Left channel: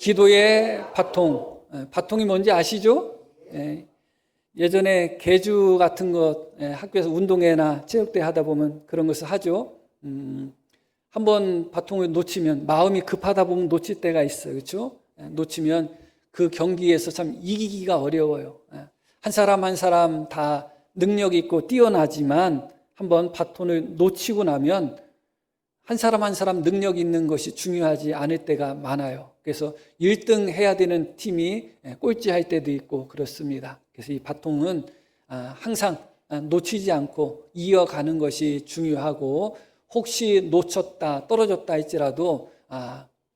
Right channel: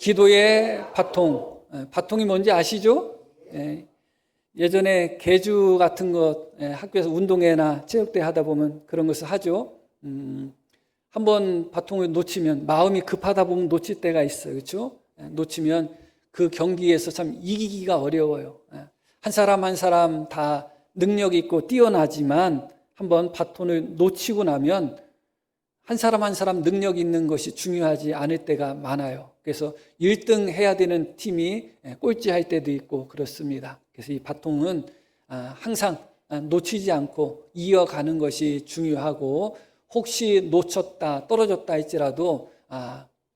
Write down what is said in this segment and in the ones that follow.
기도의 바통. 바통이 뭔지 아시죠? 예전에 개주 같은 것 학교에서 운동회나 체육대회 하다 보면 그런 것을 하죠. 한번 바통을 놓치면 마음이 급하다 보면 놓칠 때가 있어요. 그렇죠? 놓치면 그 경기에서 참 이기기가 어려워요. 한 사람 한 사람 다 능력 있고 뛰어나지만 한번 바톤을 놓치고 나면 한 사람 한 사람 능력 있는 것이 중요하지 않을 때가 많아요. 그래서 1등 해야 되는 팀이 꼴찌할 때도 있고 그렇습니다. 그래서 이 바통은 항상 놓치지 않고 이어가는 것이 중요하고 혹시 놓쳤다 떨어졌다 할지라도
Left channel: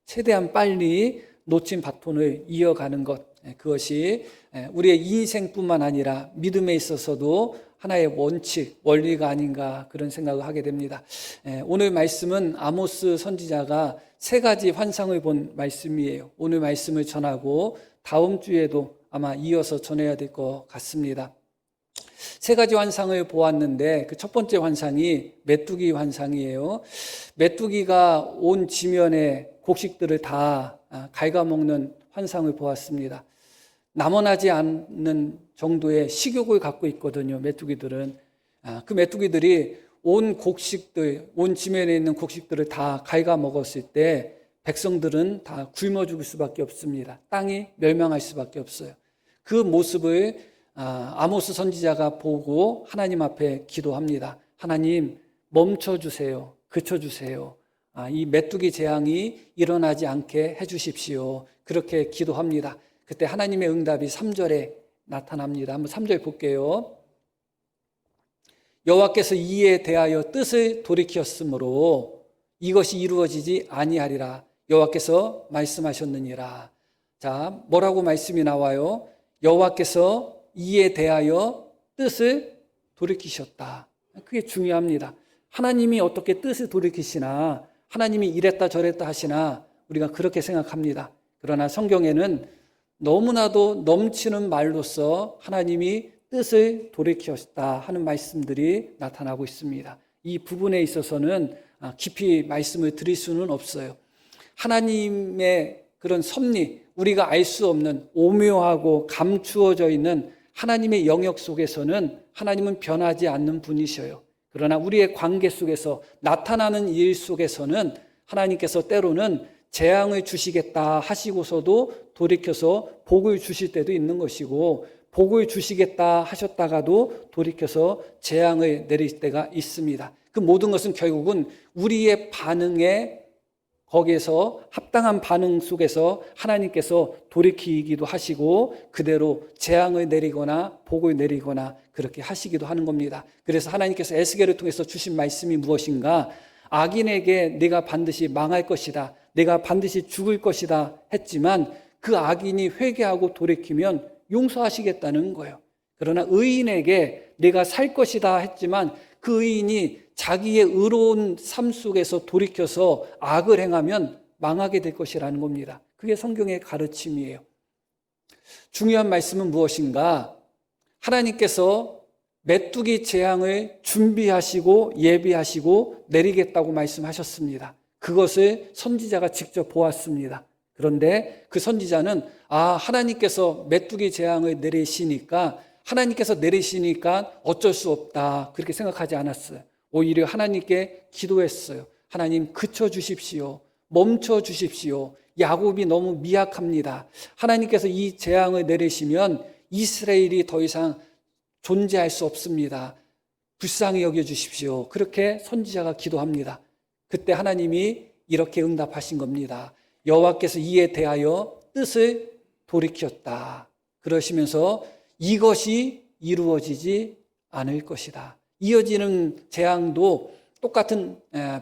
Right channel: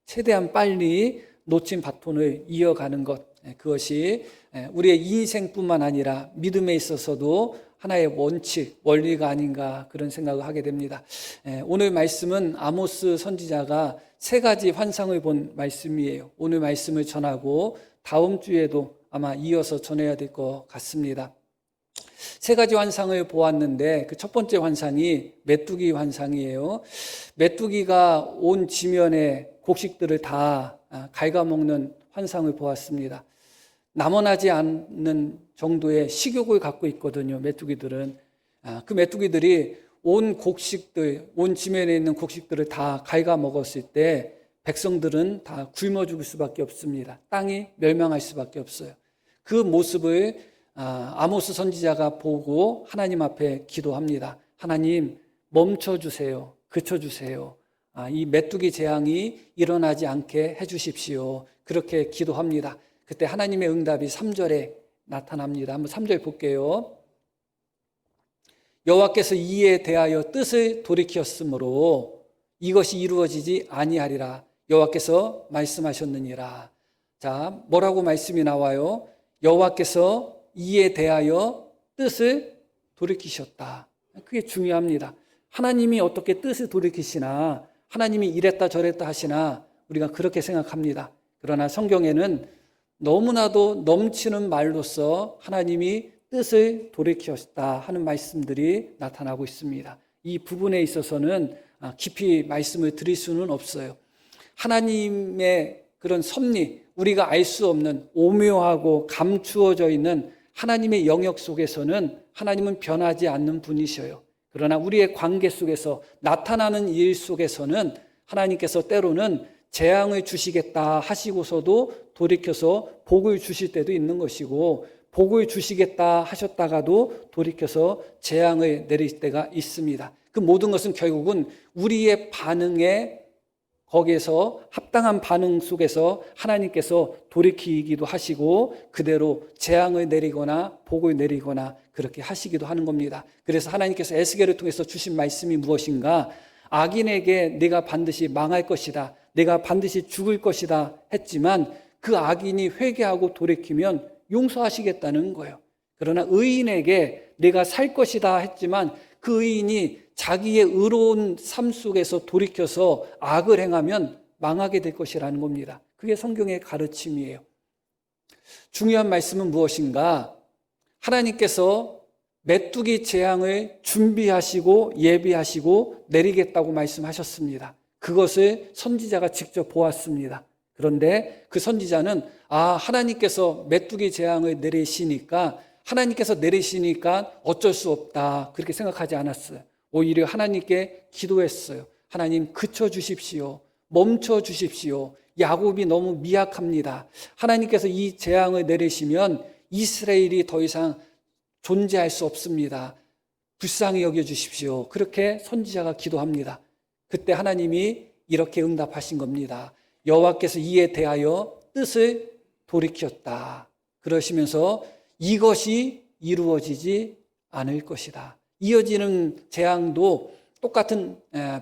최대한 빨리 놓친 바톤을 이어가는 것, 그것이 우리의 인생뿐만 아니라 믿음에 있어서도 하나의 원칙, 원리가 아닌가 그런 생각을 하게 됩니다. 오늘 말씀은 아모스 선지자가 3가지 환상을 본 말씀이에요. 오늘 말씀을 전하고 다음 주에도 아마 이어서 전해야 될 것 같습니다. 3가지 환상을 보았는데 그 첫 번째 환상이 메뚜기 환상이에요. 메뚜기가 온 지면의 곡식들을 다 갉아먹는 환상을 보았습니다. 남원하지 않는 정도의 식욕을 갖고 있거든요. 메뚜기들은. 그 메뚜기들이 온 곡식들, 온 지면에 있는 곡식들을 다 갉아먹었을 때 백성들은 다 굶어 죽을 수밖에 없습니다. 땅이 멸망할 수밖에 없어요. 그 모습을 아모스 선지자가 보고 하나님 앞에 기도합니다. 하나님 멈춰주세요. 그쳐주세요. 이 메뚜기 재앙이 일어나지 않게 해주십시오. 그렇게 기도합니다. 그때 하나님의 응답이 3절에 나타납니다. 한번 3절 볼게요. 여호와께서 이에 대하여 뜻을 돌이켰으므로 이것이 이루어지지 아니하리라. 여호와께서 말씀하셨느니라. 자, 뭐라고 말씀이 나와요? 여호와께서 이에 대하여 뜻을 돌이키셨다. 그게 중요합니다. 하나님이 어떻게 뜻을 돌이키시나, 하나님이 이랬다 저랬다 하시나 우리가 그렇게 생각합니다. 그러나 성경에는 너무나도 넘치는 말로서 하나님이 뜻을 돌이키셨다 하는 말씀들이 나타나고 있습니다. 이 부분에 있어서는 깊이 말씀을 드릴 수는 없어요. 하나님의 그런 섭리, 우리가 알 수 없는 오묘하고 감추어져 있는 하나님의 영역 속에서는 하나님은 변하지 않는 분이셔요. 그러나 우리의 관계 속에서 나타나는 일 속에서는 하나님께서 때로는 재앙을 주시겠다 하시고서도 돌이켜서 복을 주실 때도 있는 것이고, 복을 주시겠다 하셨다가도 돌이켜서 재앙을 내릴 때가 있습니다. 그 모든 것은 결국은 우리의 반응에, 거기에서 합당한 반응 속에서 하나님께서 돌이키기도 하시고 그대로 재앙을 내리거나 복을 내리거나 그렇게 하시기도 하는 겁니다. 그래서 하나님께서 에스겔을 통해서 주신 말씀이 무엇인가? 악인에게 내가 반드시 망할 것이다, 내가 반드시 죽을 것이다 했지만 그 악인이 회개하고 돌이키면 용서하시겠다는 거예요. 그러나 의인에게 내가 살 것이다 했지만 그 의인이 자기의 의로운 삶 속에서 돌이켜서 악을 행하면 망하게 될 것이라는 겁니다. 그게 성경의 가르침이에요. 중요한 말씀은 무엇인가? 하나님께서 메뚜기 재앙을 준비하시고 예비하시고 내리겠다고 말씀하셨습니다. 그것을 선지자가 직접 보았습니다. 그런데 그 선지자는 하나님께서 메뚜기 재앙을 내리시니까 어쩔 수 없다 그렇게 생각하지 않았어요. 오히려 하나님께 기도했어요. 하나님 그쳐주십시오. 멈춰주십시오. 야곱이 너무 미약합니다. 하나님께서 이 재앙을 내리시면 이스라엘이 더 이상 존재할 수 없습니다. 불쌍히 여겨주십시오. 그렇게 선지자가 기도합니다. 그때 하나님이 이렇게 응답하신 겁니다. 여호와께서 이에 대하여 뜻을 돌이켰다. 그러시면서 이것이 이루어지지 않을 것이다. 이어지는 재앙도 똑같은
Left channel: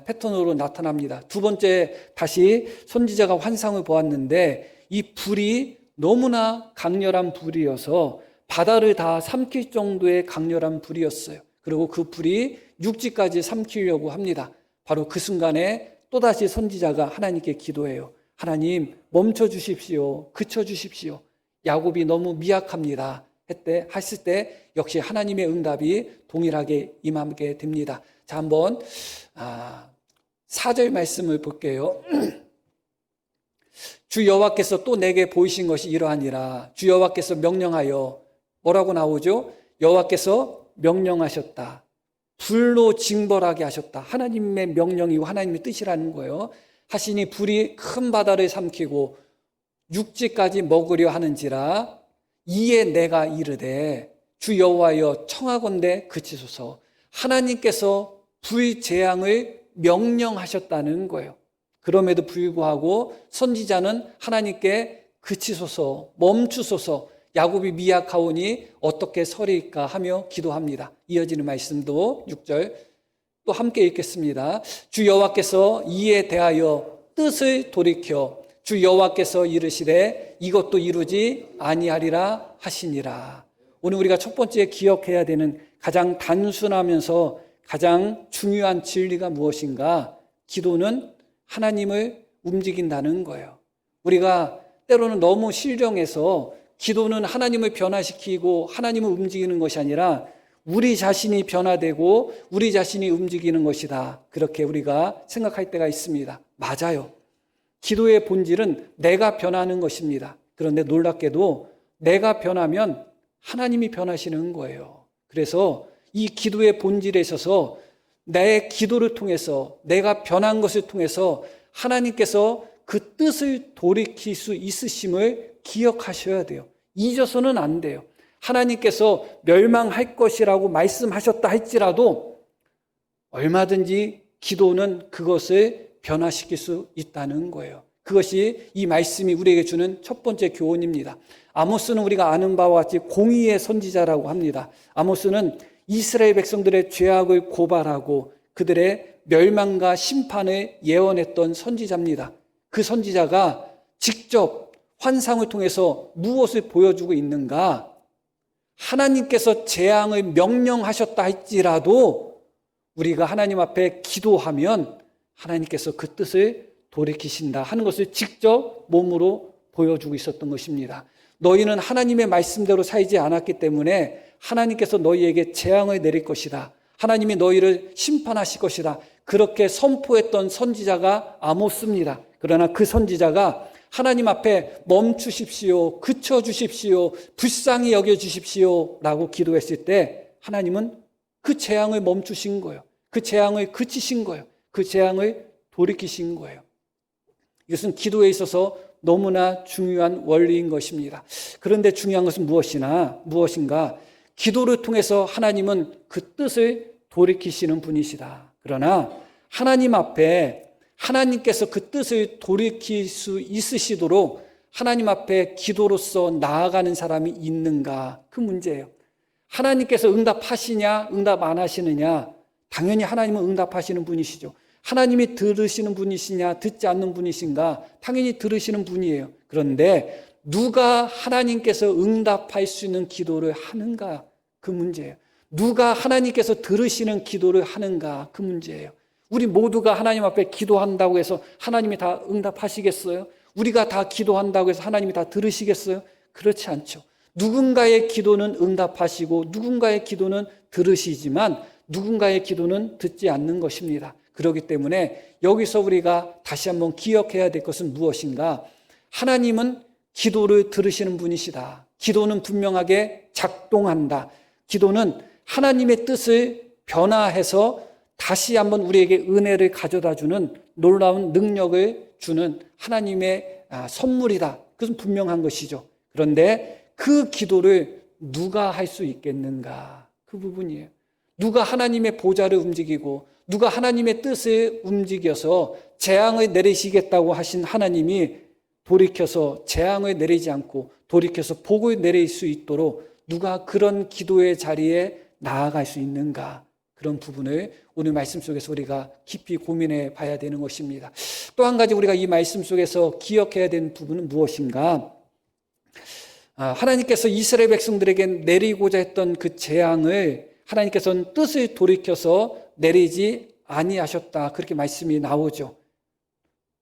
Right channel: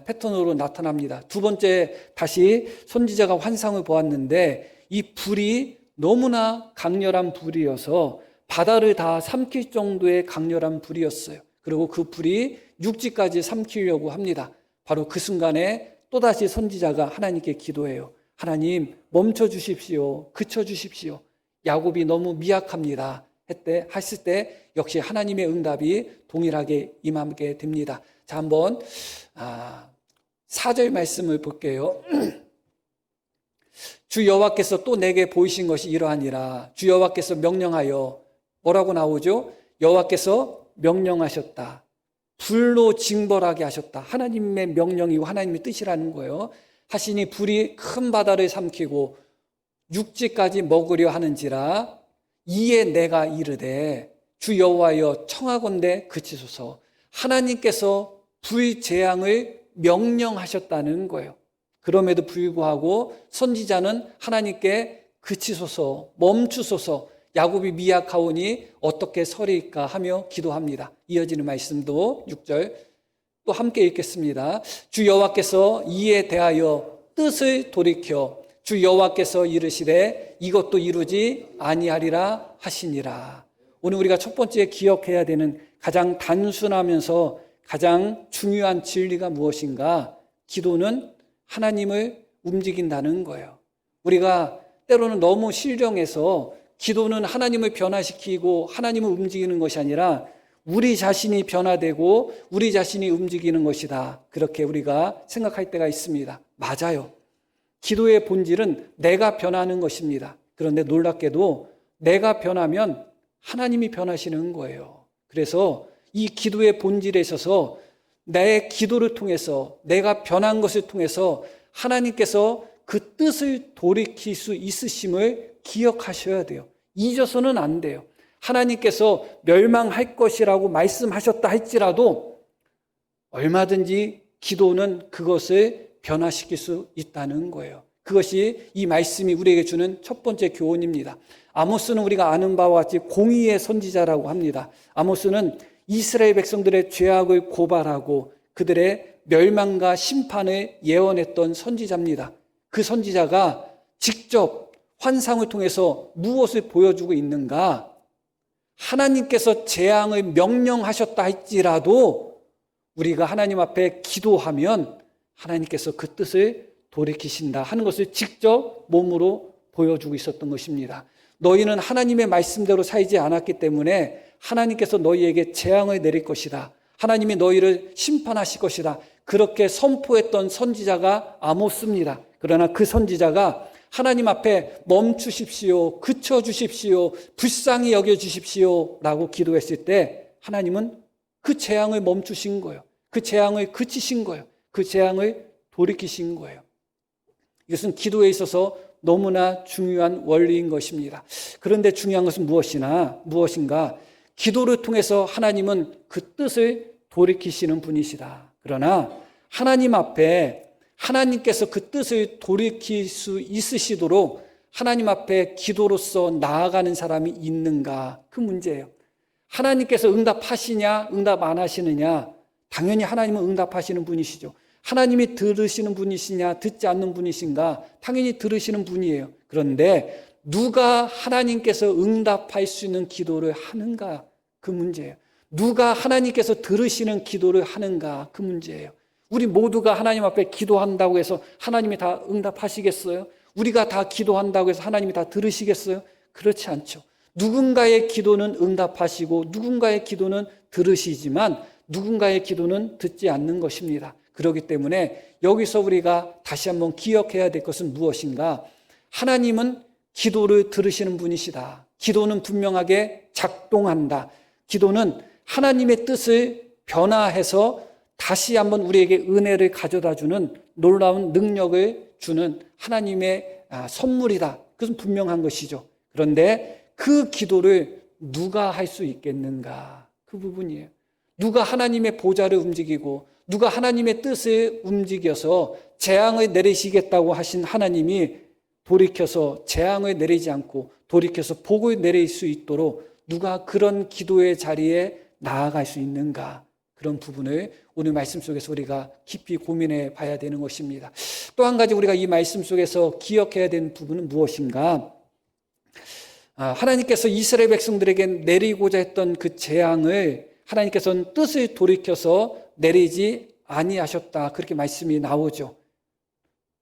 패턴으로 나타납니다. 두 번째, 다시 선지자가 환상을 보았는데 이 불이 너무나 강렬한 불이어서 바다를 다 삼킬 정도의 강렬한 불이었어요. 그리고 그 불이 육지까지 삼키려고 합니다. 바로 그 순간에 또다시 선지자가 하나님께 기도해요. 하나님 멈춰주십시오. 그쳐주십시오. 야곱이 너무 미약합니다. 했을 때 역시 하나님의 응답이 동일하게 임하게 됩니다. 자, 한번 4절 말씀을 볼게요. 주 여호와께서 또 내게 보이신 것이 이러하니라. 주 여호와께서 명령하여 뭐라고 나오죠? 여호와께서 명령하셨다. 불로 징벌하게 하셨다. 하나님의 명령이고 하나님의 뜻이라는 거예요. 하시니 불이 큰 바다를 삼키고 육지까지 먹으려 하는지라. 이에 내가 이르되 주 여호와여 청하건대 그치소서. 하나님께서 불재앙을 명령하셨다는 거예요. 그럼에도 불구하고 선지자는 하나님께 그치소서, 멈추소서, 야곱이 미약하오니 어떻게 서리까 하며 기도합니다. 이어지는 말씀도 6절 또 함께 읽겠습니다. 주 여호와께서 이에 대하여 뜻을 돌이켜 주 여호와께서 이르시되 이것도 이루지 아니하리라 하시니라. 오늘 우리가 첫 번째 기억해야 되는 가장 단순하면서 가장 중요한 진리가 무엇인가? 기도는 하나님을 움직인다는 거예요. 우리가 때로는 너무 신령해서 기도는 하나님을 변화시키고 하나님을 움직이는 것이 아니라 우리 자신이 변화되고 우리 자신이 움직이는 것이다. 그렇게 우리가 생각할 때가 있습니다. 맞아요. 기도의 본질은 내가 변하는 것입니다. 그런데 놀랍게도 내가 변하면 하나님이 변하시는 거예요. 그래서 이 기도의 본질에 있어서 내 기도를 통해서 내가 변한 것을 통해서 하나님께서 그 뜻을 돌이킬 수 있으심을 기억하셔야 돼요. 잊어서는 안 돼요. 하나님께서 멸망할 것이라고 말씀하셨다 할지라도 얼마든지 기도는 그것을 변화시킬 수 있다는 거예요. 그것이 이 말씀이 우리에게 주는 첫 번째 교훈입니다. 아모스는 우리가 아는 바와 같이 공의의 선지자라고 합니다. 아모스는 이스라엘 백성들의 죄악을 고발하고 그들의 멸망과 심판을 예언했던 선지자입니다. 그 선지자가 직접 환상을 통해서 무엇을 보여주고 있는가? 하나님께서 재앙을 명령하셨다 할지라도 우리가 하나님 앞에 기도하면 하나님께서 그 뜻을 돌이키신다 하는 것을 직접 몸으로 보여주고 있었던 것입니다. 너희는 하나님의 말씀대로 살지 않았기 때문에 하나님께서 너희에게 재앙을 내릴 것이다. 하나님이 너희를 심판하실 것이다. 그렇게 선포했던 선지자가 아모스입니다. 그러나 그 선지자가 하나님 앞에 멈추십시오, 그쳐주십시오, 불쌍히 여겨주십시오 라고 기도했을 때 하나님은 그 재앙을 멈추신 거예요. 그 재앙을 그치신 거예요. 그 재앙을 돌이키신 거예요. 이것은 기도에 있어서 너무나 중요한 원리인 것입니다. 그런데 중요한 것은 무엇인가? 기도를 통해서 하나님은 그 뜻을 돌이키시는 분이시다. 그러나 하나님 앞에 하나님께서 그 뜻을 돌이킬 수 있으시도록 하나님 앞에 기도로서 나아가는 사람이 있는가? 그 문제예요. 하나님께서 응답하시냐, 응답 안 하시느냐? 당연히 하나님은 응답하시는 분이시죠. 하나님이 들으시는 분이시냐, 듣지 않는 분이신가? 당연히 들으시는 분이에요. 그런데 누가 하나님께서 응답할 수 있는 기도를 하는가? 그 문제예요. 누가 하나님께서 들으시는 기도를 하는가? 그 문제예요. 우리 모두가 하나님 앞에 기도한다고 해서 하나님이 다 응답하시겠어요? 우리가 다 기도한다고 해서 하나님이 다 들으시겠어요? 그렇지 않죠. 누군가의 기도는 응답하시고 누군가의 기도는 들으시지만 누군가의 기도는 듣지 않는 것입니다. 그렇기 때문에 여기서 우리가 다시 한번 기억해야 될 것은 무엇인가? 하나님은 기도를 들으시는 분이시다. 기도는 분명하게 작동한다. 기도는 하나님의 뜻을 변화해서 다시 한번 우리에게 은혜를 가져다주는 놀라운 능력을 주는 하나님의 선물이다. 그것은 분명한 것이죠. 그런데 그 기도를 누가 할 수 있겠는가? 그 부분이에요. 누가 하나님의 보좌를 움직이고 누가 하나님의 뜻을 움직여서 재앙을 내리시겠다고 하신 하나님이 돌이켜서 재앙을 내리지 않고 돌이켜서 복을 내릴 수 있도록 누가 그런 기도의 자리에 나아갈 수 있는가? 그런 부분을 오늘 말씀 속에서 우리가 깊이 고민해 봐야 되는 것입니다. 또 한 가지 우리가 이 말씀 속에서 기억해야 되는 부분은 무엇인가? 하나님께서 이스라엘 백성들에게 내리고자 했던 그 재앙을 하나님께서는 뜻을 돌이켜서 내리지 아니하셨다. 그렇게 말씀이 나오죠.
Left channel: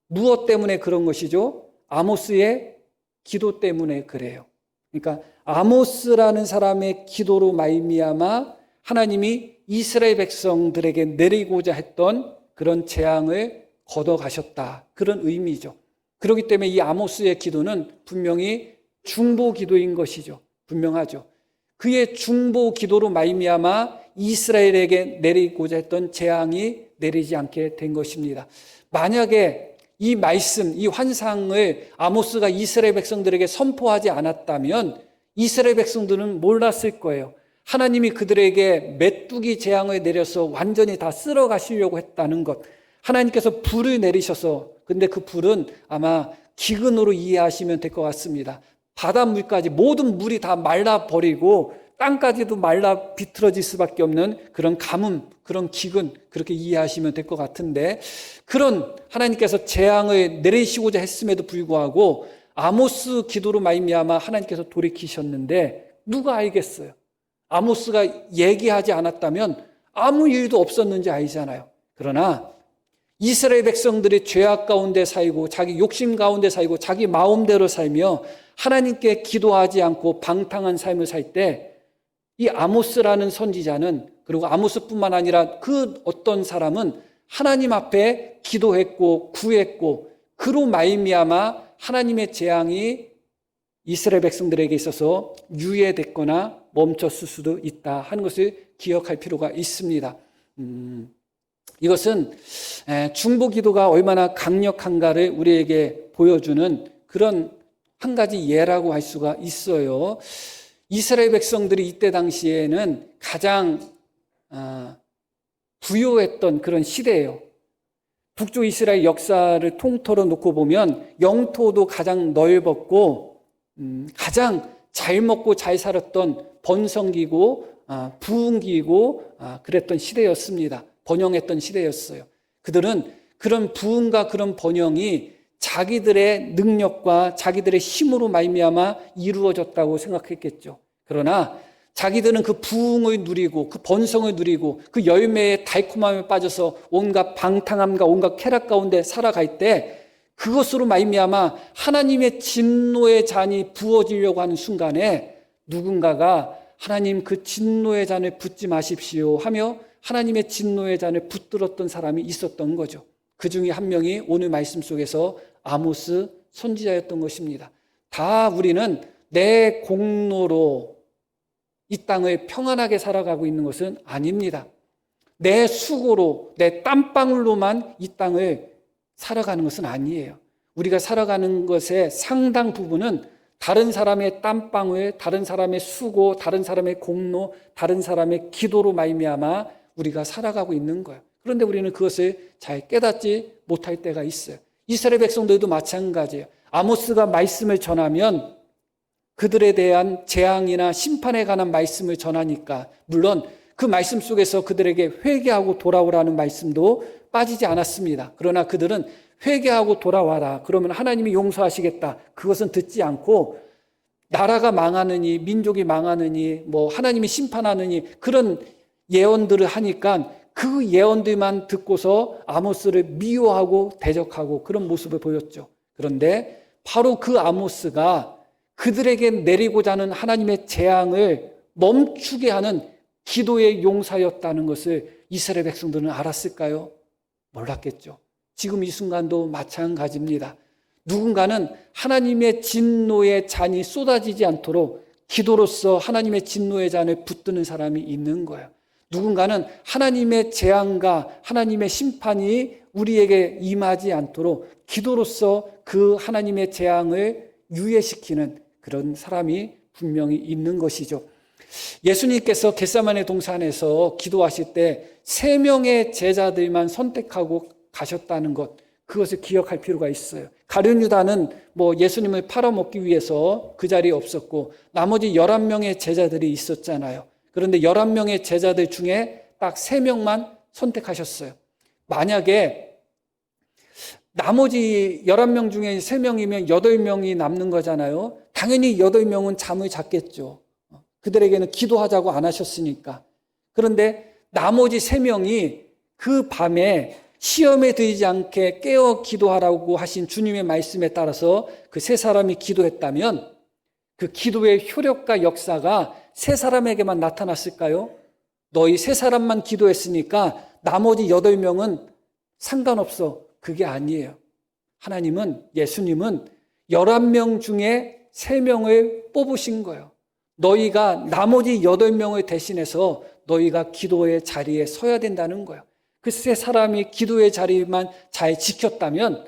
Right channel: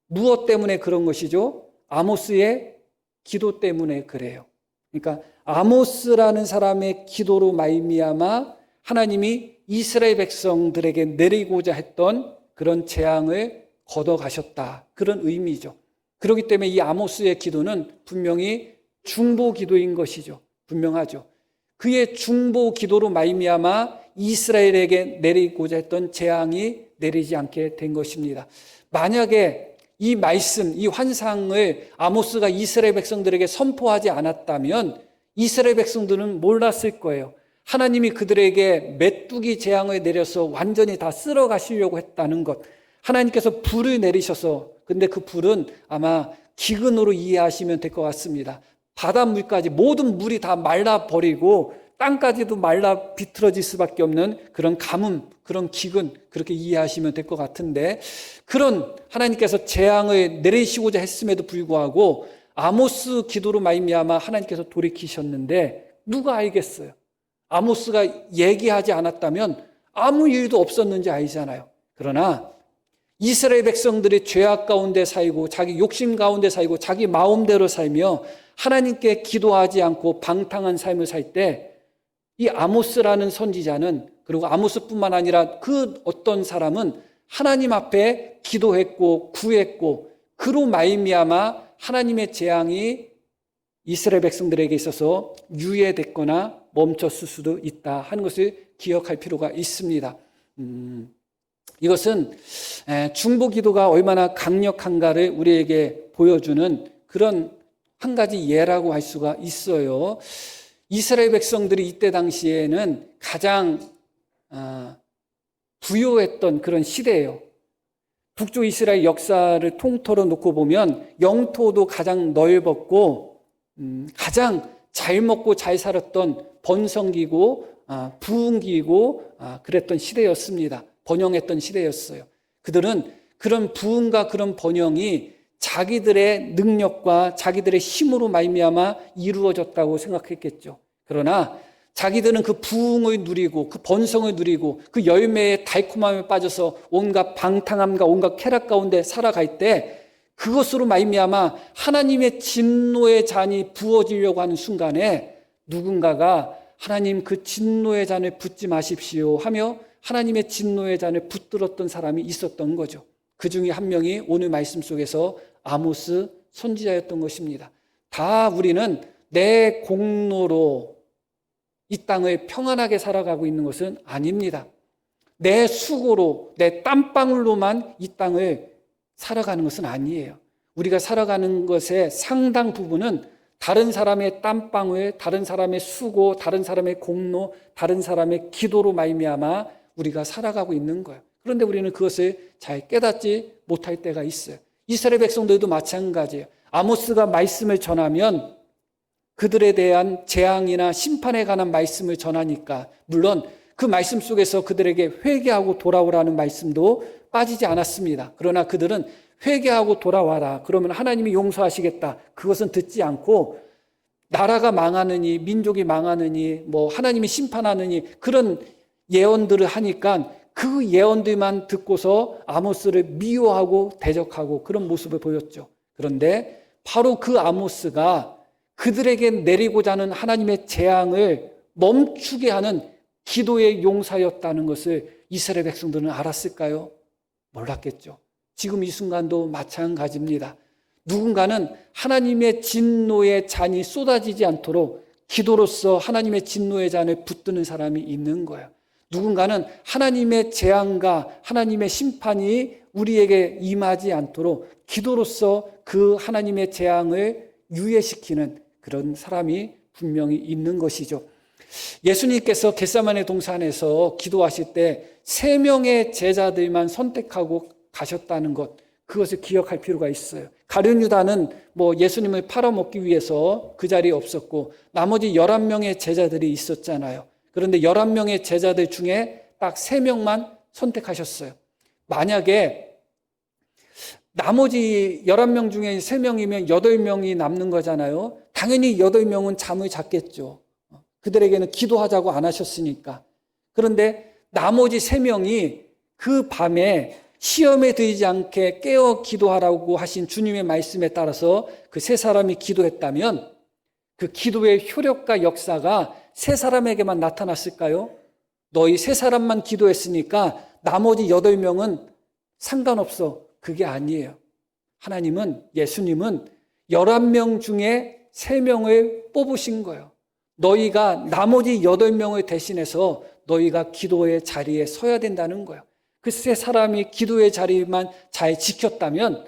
무엇 때문에 그런 것이죠? 아모스의 기도 때문에 그래요. 그러니까 아모스라는 사람의 기도로 말미암아 하나님이 이스라엘 백성들에게 내리고자 했던 그런 재앙을 걷어가셨다. 그런 의미죠. 그렇기 때문에 이 아모스의 기도는 분명히 중보 기도인 것이죠. 분명하죠. 그의 중보 기도로 말미암아 이스라엘에게 내리고자 했던 재앙이 내리지 않게 된 것입니다. 만약에 이 말씀, 이 환상을 아모스가 이스라엘 백성들에게 선포하지 않았다면 이스라엘 백성들은 몰랐을 거예요. 하나님이 그들에게 메뚜기 재앙을 내려서 완전히 다 쓸어 가시려고 했다는 것. 하나님께서 불을 내리셔서, 근데 그 불은 아마 기근으로 이해하시면 될 것 같습니다. 바닷물까지 모든 물이 다 말라버리고 땅까지도 말라 비틀어질 수밖에 없는 그런 가뭄, 그런 기근, 그렇게 이해하시면 될 것 같은데, 그런 하나님께서 재앙을 내리시고자 했음에도 불구하고 아모스 기도를 말미암아 하나님께서 돌이키셨는데 누가 알겠어요? 아모스가 얘기하지 않았다면 아무 일도 없었는지 아니잖아요. 그러나 이스라엘 백성들이 죄악 가운데 살고 자기 욕심 가운데 살고 자기 마음대로 살며 하나님께 기도하지 않고 방탕한 삶을 살 때 이 아모스라는 선지자는, 그리고 아모스뿐만 아니라 그 어떤 사람은 하나님 앞에 기도했고 구했고 그로 말미암아 하나님의 재앙이 이스라엘 백성들에게 있어서 유예됐거나 멈췄을 수도 있다 하는 것을 기억할 필요가 있습니다. 이것은 중보 기도가 얼마나 강력한가를 우리에게 보여주는 그런 한 가지 예라고 할 수가 있어요. 이스라엘 백성들이 이때 당시에는 가장 부요했던 그런 시대예요. 북쪽 이스라엘 역사를 통틀어 놓고 보면 영토도 가장 넓었고 가장 잘 먹고 잘 살았던 번성기고 부흥기고 그랬던 시대였습니다. 번영했던 시대였어요. 그들은 그런 부흥과 그런 번영이 자기들의 능력과 자기들의 힘으로 말미암아 이루어졌다고 생각했겠죠. 그러나 자기들은 그 부흥을 누리고 그 번성을 누리고 그 열매의 달콤함에 빠져서 온갖 방탕함과 온갖 쾌락 가운데 살아갈 때 그것으로 말미암아 하나님의 진노의 잔이 부어지려고 하는 순간에 누군가가 하나님 그 진노의 잔에 붓지 마십시오 하며 하나님의 진노의 잔을 붙들었던 사람이 있었던 거죠. 그 중에 한 명이 오늘 말씀 속에서 아모스 선지자였던 것입니다. 다 우리는 내 공로로 이 땅을 평안하게 살아가고 있는 것은 아닙니다. 내 수고로, 내 땀방울로만 이 땅을 살아가는 것은 아니에요. 우리가 살아가는 것의 상당 부분은 다른 사람의 땀방울, 다른 사람의 수고, 다른 사람의 공로, 다른 사람의 기도로 말미암아 우리가 살아가고 있는 거예요. 그런데 우리는 그것을 잘 깨닫지 못할 때가 있어요. 이스라엘 백성들도 마찬가지예요. 아모스가 말씀을 전하면 그들에 대한 재앙이나 심판에 관한 말씀을 전하니까 물론 그 말씀 속에서 그들에게 회개하고 돌아오라는 말씀도 빠지지 않았습니다. 그러나 그들은 회개하고 돌아와라. 그러면 하나님이 용서하시겠다. 그것은 듣지 않고 나라가 망하느니 민족이 망하느니 뭐 하나님이 심판하느니 그런 예언들을 하니까 그 예언들만 듣고서 아모스를 미워하고 대적하고 그런 모습을 보였죠. 그런데 바로 그 아모스가 그들에게 내리고자 하는 하나님의 재앙을 멈추게 하는 기도의 용사였다는 것을 이스라엘 백성들은 알았을까요? 몰랐겠죠. 지금 이 순간도 마찬가지입니다. 누군가는 하나님의 진노의 잔이 쏟아지지 않도록 기도로서 하나님의 진노의 잔을 붙드는 사람이 있는 거예요. 누군가는 하나님의 재앙과 하나님의 심판이 우리에게 임하지 않도록 기도로서 그 하나님의 재앙을 유예시키는 그런 사람이 분명히 있는 것이죠. 예수님께서 겟세마네 동산에서 기도하실 때 3명의 제자들만 선택하고 가셨다는 것, 그것을 기억할 필요가 있어요. 가룟 유다는 뭐 예수님을 팔아먹기 위해서 그 자리에 없었고 나머지 11명의 제자들이 있었잖아요. 그런데 11명의 제자들 중에 딱 3명만 선택하셨어요. 만약에 나머지 11명 중에 3명이면 8명이 남는 거잖아요. 당연히 8명은 잠을 잤겠죠. 그들에게는 기도하자고 안 하셨으니까. 그런데 나머지 3명이 그 밤에 시험에 들지 않게 깨어 기도하라고 하신 주님의 말씀에 따라서 그 3사람이 기도했다면 그 기도의 효력과 역사가 3사람에게만 나타났을까요? 너희 3사람만 기도했으니까 나머지 8명은 상관없어. 그게 아니에요. 하나님은, 예수님은 11명 중에 3명을 뽑으신 거예요. 너희가 나머지 8명을 대신해서 너희가 기도의 자리에 서야 된다는 거예요. 그 3사람이 기도의 자리만 잘 지켰다면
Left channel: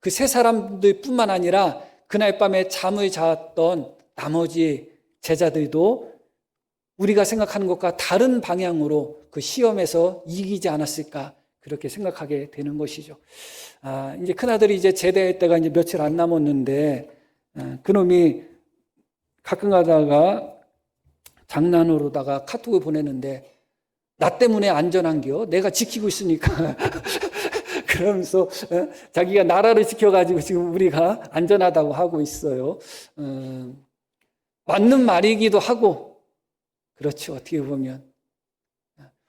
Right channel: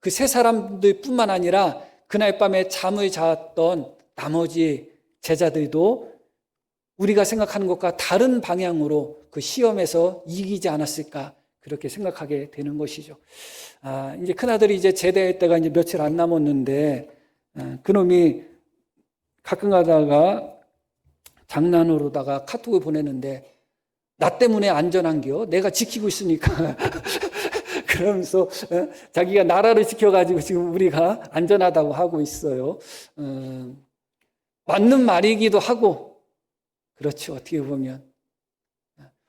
그 3사람들 뿐만 아니라 그날 밤에 잠을 잤던 나머지 제자들도 우리가 생각하는 것과 다른 방향으로 그 시험에서 이기지 않았을까, 그렇게 생각하게 되는 것이죠. 이제 큰아들이 이제 제대할 때가 이제 며칠 안 남았는데, 그놈이 가끔 가다가 장난으로다가 카톡을 보내는데, 나 때문에 안전한겨? 내가 지키고 있으니까. 그러면서 자기가 나라를 지켜가지고 지금 우리가 안전하다고 하고 있어요. 맞는 말이기도 하고, 그렇죠. 어떻게 보면.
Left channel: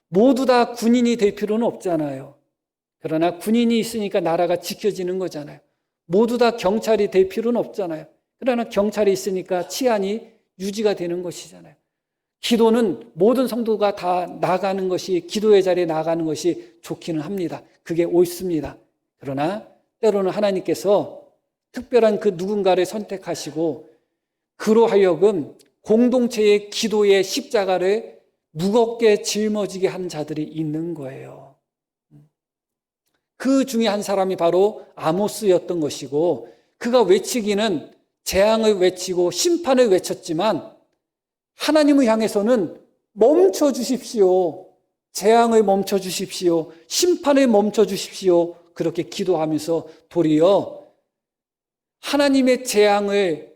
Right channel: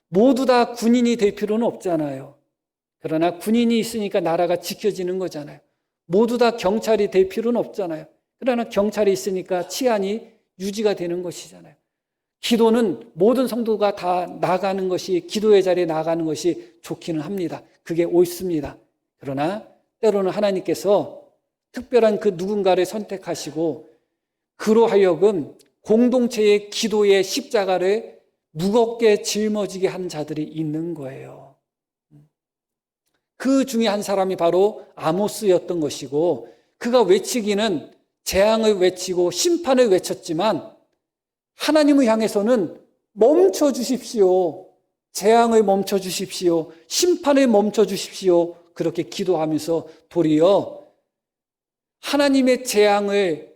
모두 다 군인이 될 필요는 없잖아요. 그러나 군인이 있으니까 나라가 지켜지는 거잖아요. 모두 다 경찰이 될 필요는 없잖아요. 그러나 경찰이 있으니까 치안이 유지가 되는 것이잖아요. 기도는 모든 성도가 다 나가는 것이, 기도의 자리에 나가는 것이 좋기는 합니다. 그게 옳습니다. 그러나 때로는 하나님께서 특별한 그 누군가를 선택하시고 그로 하여금 공동체의 기도의 십자가를 무겁게 짊어지게 한 자들이 있는 거예요. 그 중에 한 사람이 바로 아모스였던 것이고, 그가 외치기는 재앙을 외치고 심판을 외쳤지만 하나님을 향해서는 멈춰 주십시오. 재앙을 멈춰 주십시오. 심판을 멈춰 주십시오. 그렇게 기도하면서 도리어 하나님의 재앙을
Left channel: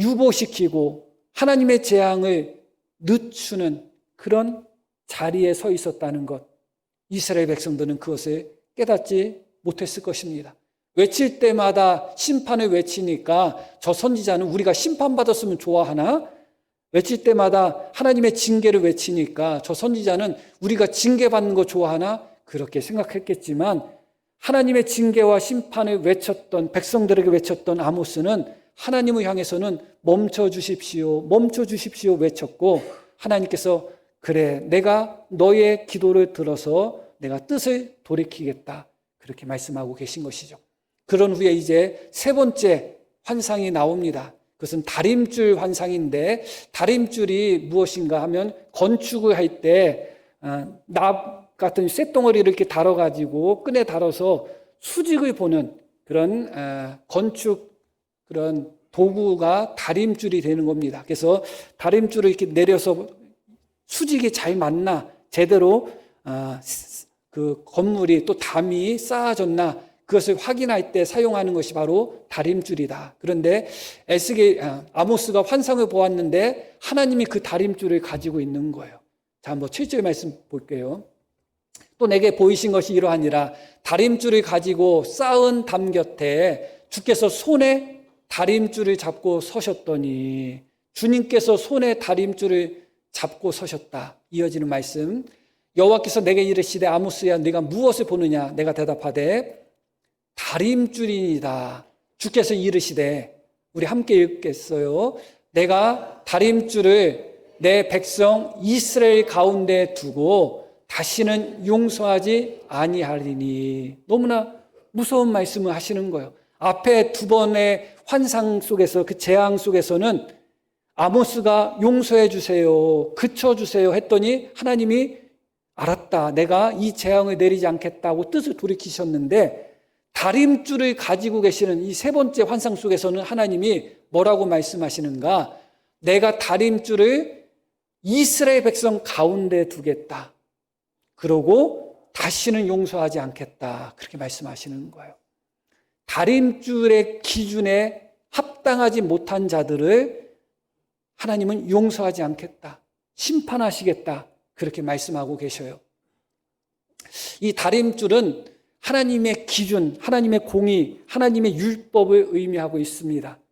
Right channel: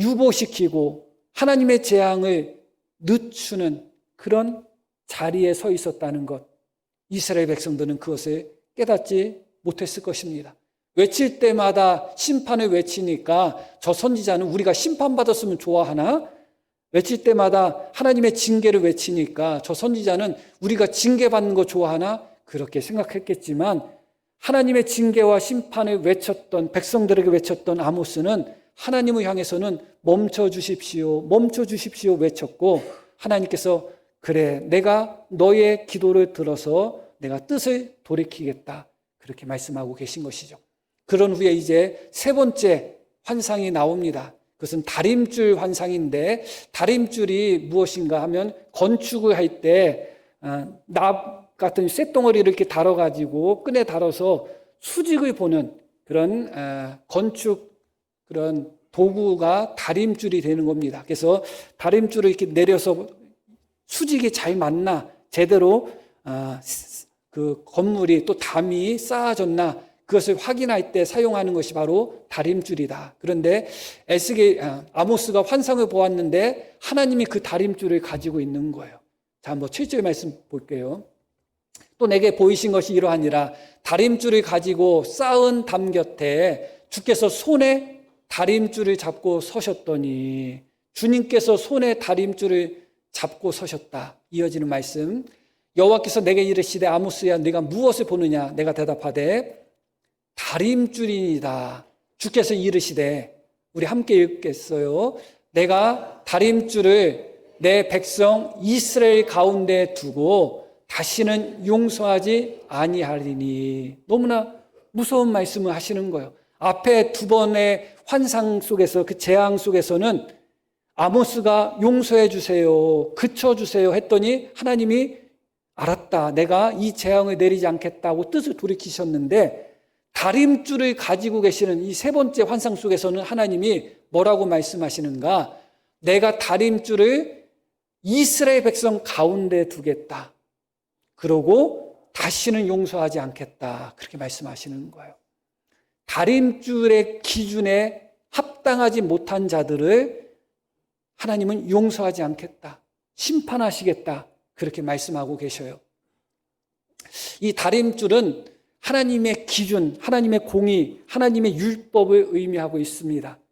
유보시키고 하나님의 재앙을 늦추는 그런 자리에 서 있었다는 것. 이스라엘 백성들은 그것을 깨닫지 못했을 것입니다. 외칠 때마다 심판을 외치니까 저 선지자는 우리가 심판받았으면 좋아하나? 외칠 때마다 하나님의 징계를 외치니까 저 선지자는 우리가 징계받는 거 좋아하나? 그렇게 생각했겠지만 하나님의 징계와 심판을 외쳤던, 백성들에게 외쳤던 아모스는 하나님을 향해서는 멈춰 주십시오, 멈춰 주십시오 외쳤고, 하나님께서 그래, 내가 너의 기도를 들어서 내가 뜻을 돌이키겠다, 그렇게 말씀하고 계신 것이죠. 그런 후에 이제 3번째 환상이 나옵니다. 그것은 다림줄 환상인데, 다림줄이 무엇인가 하면 건축을 할 때 납 같은 쇳덩어리를 이렇게 달아가지고 끈에 달아서 수직을 보는 그런 건축 그런 도구가 다림줄이 되는 겁니다. 그래서 다림줄을 이렇게 내려서 수직이 잘 맞나, 제대로 그 건물이 또 담이 쌓아졌나, 그것을 확인할 때 사용하는 것이 바로 다림줄이다. 그런데 아모스가 환상을 보았는데 하나님이 그 다림줄을 가지고 있는 거예요. 자, 한번 7절 말씀 볼게요. 또 내게 보이신 것이 이러하니라. 다림줄을 가지고 쌓은 담 곁에 주께서 손에 다림줄을 잡고 서셨더니, 주님께서 손에 다림줄을 잡고 서셨다. 이어지는 말씀. 여호와께서 내게 이르시되 아모스야 네가 무엇을 보느냐? 내가 대답하되 다림줄이다. 주께서 이르시되, 우리 함께 읽겠어요. 내가 다림줄을 내 백성 이스라엘 가운데 두고 다시는 용서하지 아니하리니. 너무나 무서운 말씀을 하시는 거예요. 앞에 2번의 환상 속에서, 그 재앙 속에서는 아모스가 용서해 주세요, 그쳐 주세요 했더니 하나님이 알았다, 내가 이 재앙을 내리지 않겠다고 뜻을 돌이키셨는데, 다림줄을 가지고 계시는 이 3번째 환상 속에서는 하나님이 뭐라고 말씀하시는가? 내가 다림줄을 이스라엘 백성 가운데 두겠다. 그리고 다시는 용서하지 않겠다. 그렇게 말씀하시는 거예요. 다림줄의 기준에 합당하지 못한 자들을 하나님은 용서하지 않겠다, 심판하시겠다, 그렇게 말씀하고 계셔요. 이 다림줄은 하나님의 기준, 하나님의 공의, 하나님의 율법을 의미하고 있습니다.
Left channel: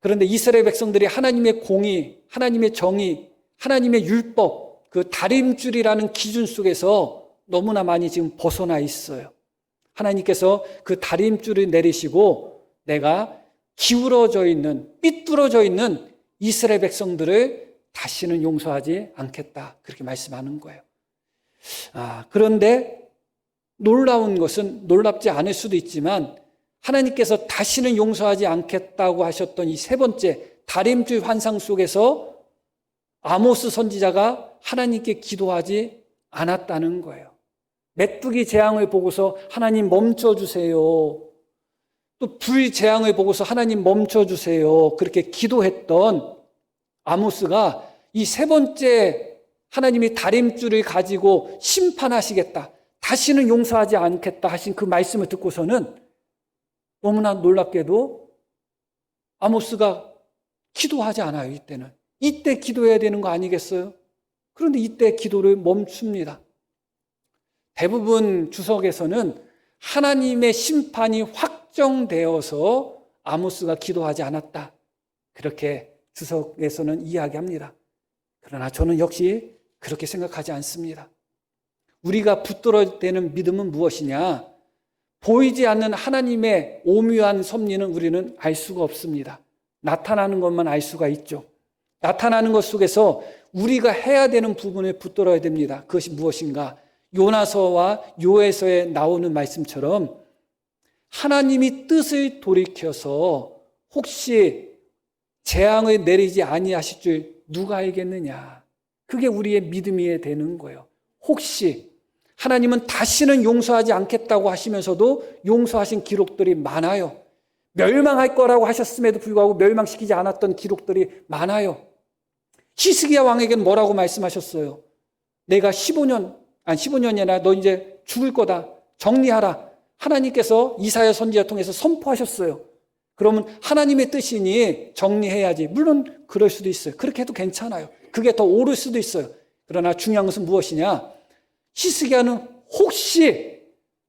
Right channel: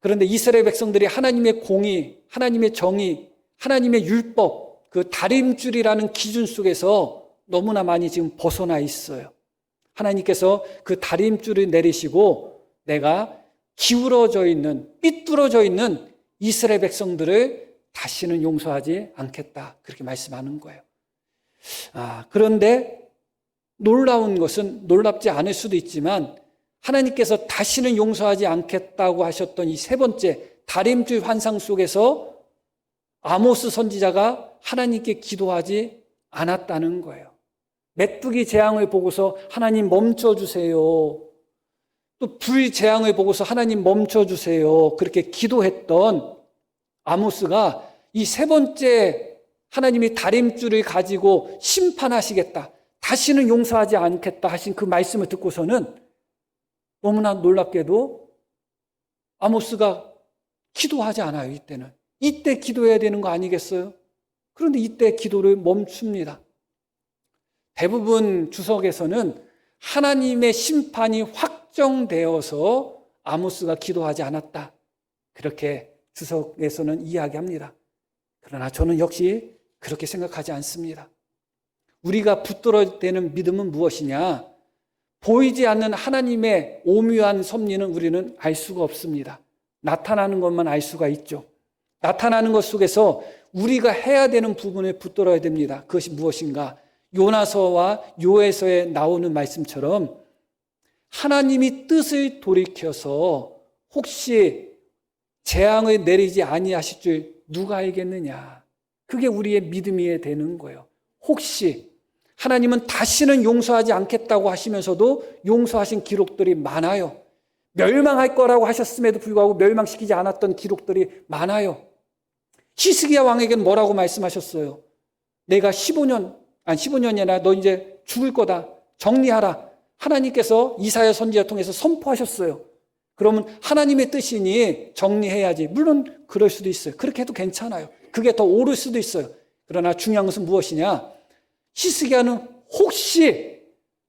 그런데 이스라엘 백성들이 하나님의 공의, 하나님의 정의, 하나님의 율법, 그 다림줄이라는 기준 속에서 너무나 많이 지금 벗어나 있어요. 하나님께서 그 다림줄을 내리시고 내가 기울어져 있는, 삐뚤어져 있는 이스라엘 백성들을 다시는 용서하지 않겠다, 그렇게 말씀하는 거예요. 그런데 놀라운 것은 놀랍지 않을 수도 있지만 하나님께서 다시는 용서하지 않겠다고 하셨던 이 세 번째 다림줄 환상 속에서 아모스 선지자가 하나님께 기도하지 않았다는 거예요. 메뚜기 재앙을 보고서 하나님 멈춰주세요. 또 불 재앙을 보고서 하나님 멈춰주세요. 그렇게 기도했던 아모스가 이 세 번째 하나님이 다림줄을 가지고 심판하시겠다, 다시는 용서하지 않겠다 하신 그 말씀을 듣고서는 너무나 놀랍게도 아모스가 기도하지 않아요. 이때는. 이때 기도해야 되는 거 아니겠어요? 그런데 이때 기도를 멈춥니다. 대부분 주석에서는 하나님의 심판이 확정되어서 아모스가 기도하지 않았다, 그렇게 주석에서는 이야기합니다. 그러나 저는 역시 그렇게 생각하지 않습니다. 우리가 붙들어야 되는 믿음은 무엇이냐? 보이지 않는 하나님의 오묘한 섭리는 우리는 알 수가 없습니다. 나타나는 것만 알 수가 있죠. 나타나는 것 속에서 우리가 해야 되는 부분에 붙들어야 됩니다. 그것이 무엇인가? 요나서와 요에서에 나오는 말씀처럼 하나님이 뜻을 돌이켜서 혹시 재앙을 내리지 아니하실 줄 누가 알겠느냐? 그게 우리의 믿음이 되는 거예요. 혹시 하나님은 다시는 용서하지 않겠다고 하시면서도 용서하신 기록들이 많아요. 멸망할 거라고 하셨음에도 불구하고 멸망시키지 않았던 기록들이 많아요. 히스기야 왕에게는 뭐라고 말씀하셨어요? 내가 15년이나 너 이제 죽을 거다, 정리하라. 하나님께서 이사야 선지자 통해서 선포하셨어요. 그러면 하나님의 뜻이니 정리해야지. 물론 그럴 수도 있어요. 그렇게 해도 괜찮아요. 그게 더 옳을 수도 있어요. 그러나 중요한 것은 무엇이냐? 히스기야는 혹시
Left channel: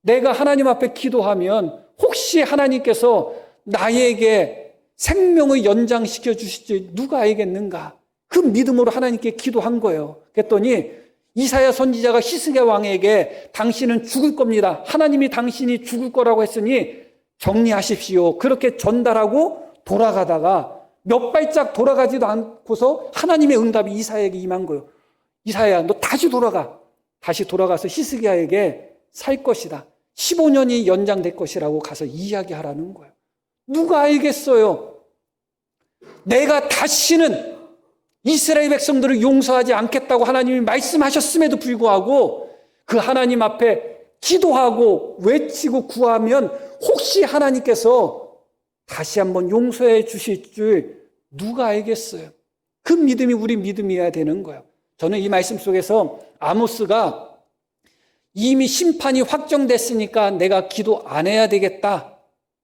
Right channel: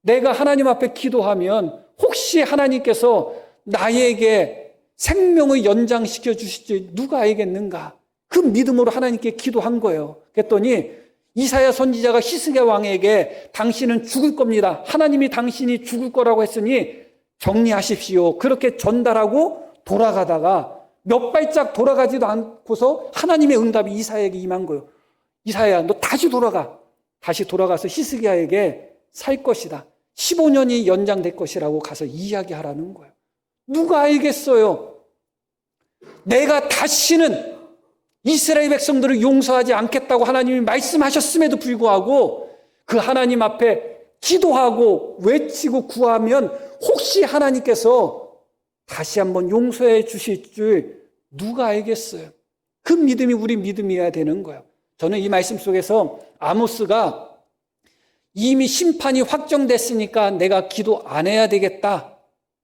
내가 하나님 앞에 기도하면 혹시 하나님께서 나에게 생명을 연장시켜 주실지 누가 알겠는가? 그 믿음으로 하나님께 기도한 거예요. 했더니 이사야 선지자가 히스기야 왕에게 당신은 죽을 겁니다, 하나님이 당신이 죽을 거라고 했으니 정리하십시오, 그렇게 전달하고 돌아가다가 몇 발짝 돌아가지도 않고서 하나님의 응답이 이사야에게 임한 거예요. 이사야, 너 다시 돌아가. 다시 돌아가서 히스기야에게 살 것이다, 15년이 연장될 것이라고 가서 이야기하라는 거예요. 누가 알겠어요? 내가 다시는 이스라엘 백성들을 용서하지 않겠다고 하나님이 말씀하셨음에도 불구하고 그 하나님 앞에 기도하고 외치고 구하면 혹시 하나님께서 다시 한번 용서해 주실 줄 누가 알겠어요? 그 믿음이 우리 믿음이어야 되는 거예요. 저는 이 말씀 속에서 아모스가 이미 심판이 확정됐으니까 내가 기도 안 해야 되겠다,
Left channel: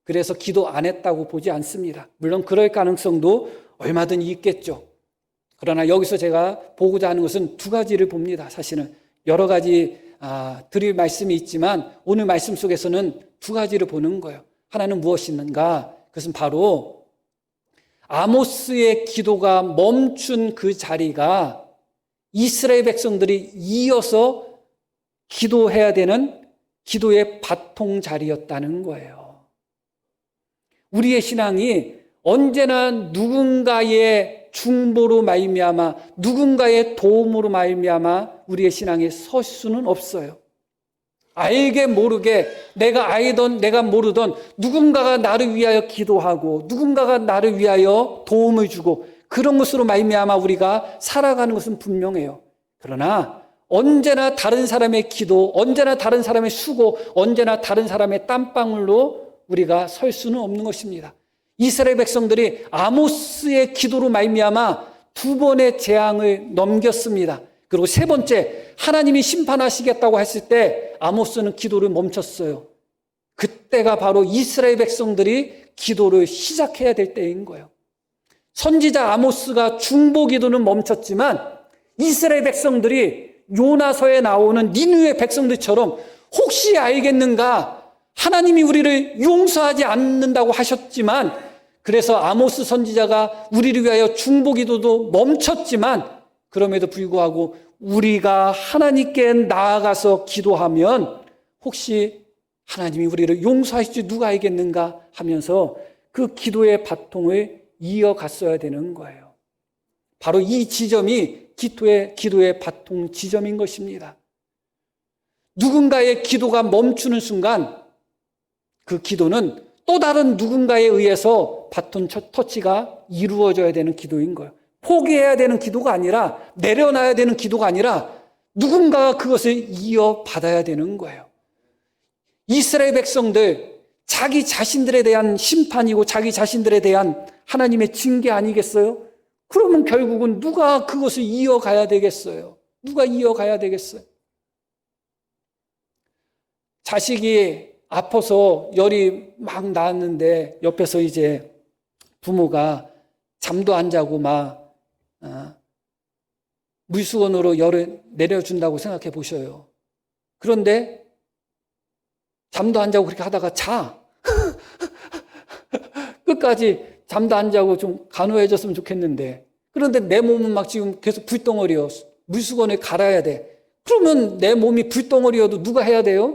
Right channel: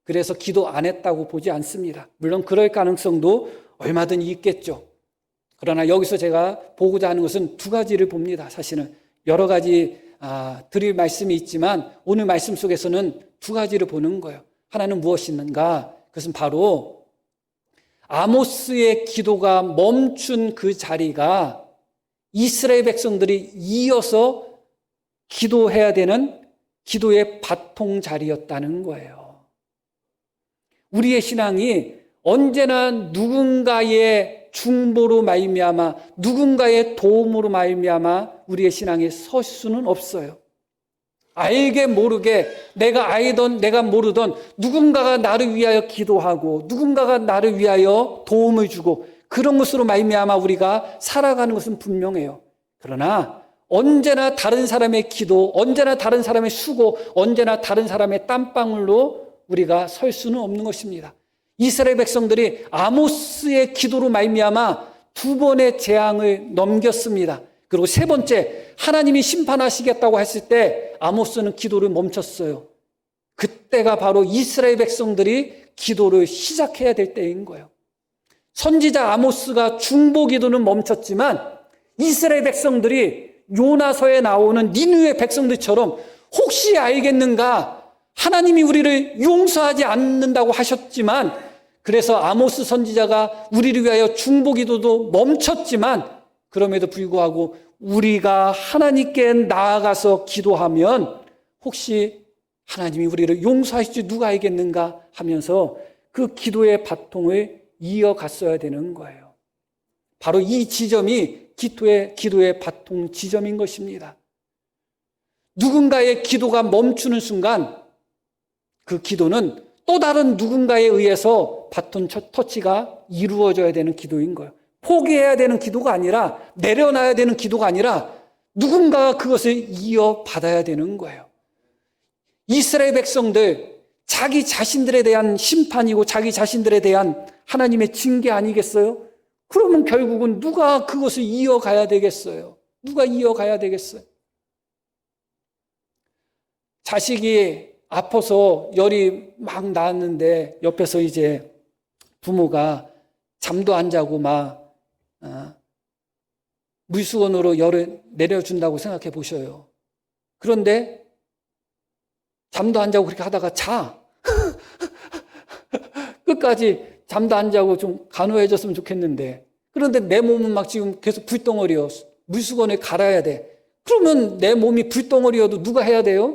그래서 기도 안 했다고 보지 않습니다. 물론 그럴 가능성도 얼마든지 있겠죠. 그러나 여기서 제가 보고자 하는 것은 두 가지를 봅니다. 사실은 여러 가지 드릴 말씀이 있지만 오늘 말씀 속에서는 두 가지를 보는 거예요. 하나는 무엇인가? 그것은 바로 아모스의 기도가 멈춘 그 자리가 이스라엘 백성들이 이어서 기도해야 되는 기도의 바통 자리였다는 거예요. 우리의 신앙이 언제나 누군가의 중보로 말미암아, 누군가의 도움으로 말미암아 우리의 신앙에 설 수는 없어요. 알게 모르게, 내가 알던 내가 모르던 누군가가 나를 위하여 기도하고 누군가가 나를 위하여 도움을 주고 그런 것으로 말미암아 우리가 살아가는 것은 분명해요. 그러나 언제나 다른 사람의 기도, 언제나 다른 사람의 수고, 언제나 다른 사람의 땀방울로 우리가 설 수는 없는 것입니다. 이스라엘 백성들이 아모스의 기도로 말미암아 두 번의 재앙을 넘겼습니다. 그리고 세 번째, 하나님이 심판하시겠다고 했을 때 아모스는 기도를 멈췄어요. 그때가 바로 이스라엘 백성들이 기도를 시작해야 될 때인 거예요. 선지자 아모스가 중보 기도는 멈췄지만 이스라엘 백성들이 요나서에 나오는 니느웨 백성들처럼 혹시 알겠는가? 하나님이 우리를 용서하지 않는다고 하셨지만, 그래서 아모스 선지자가 우리를 위하여 중보 기도도 멈췄지만, 그럼에도 불구하고 우리가 하나님께 나아가서 기도하면 혹시 하나님이 우리를 용서하실 줄 누가 알겠는가 하면서 그 기도의 바통을 이어갔어야 되는 거예요. 바로 이 지점이 기도의 바통 지점인 것입니다. 누군가의 기도가 멈추는 순간 그 기도는 또 다른 누군가에 의해서 바톤 터치가 이루어져야 되는 기도인 거예요. 포기해야 되는 기도가 아니라, 내려놔야 되는 기도가 아니라 누군가가 그것을 이어받아야 되는 거예요. 이스라엘 백성들, 자기 자신들에 대한 심판이고 자기 자신들에 대한 하나님의 징계 아니겠어요? 그러면 결국은 누가 그것을 이어가야 되겠어요? 누가 이어가야 되겠어요? 자식이 아파서 열이 막 나왔는데 옆에서 이제 부모가 잠도 안 자고 막 물수건으로 열을 내려준다고 생각해 보셔요. 그런데 잠도 안 자고 그렇게 하다가 자. 끝까지 잠도 안 자고 좀 간호해줬으면 좋겠는데, 그런데 내 몸은 막 지금 계속 불덩어리여. 물수건을 갈아야 돼. 그러면 내 몸이 불덩어리여도 누가 해야 돼요?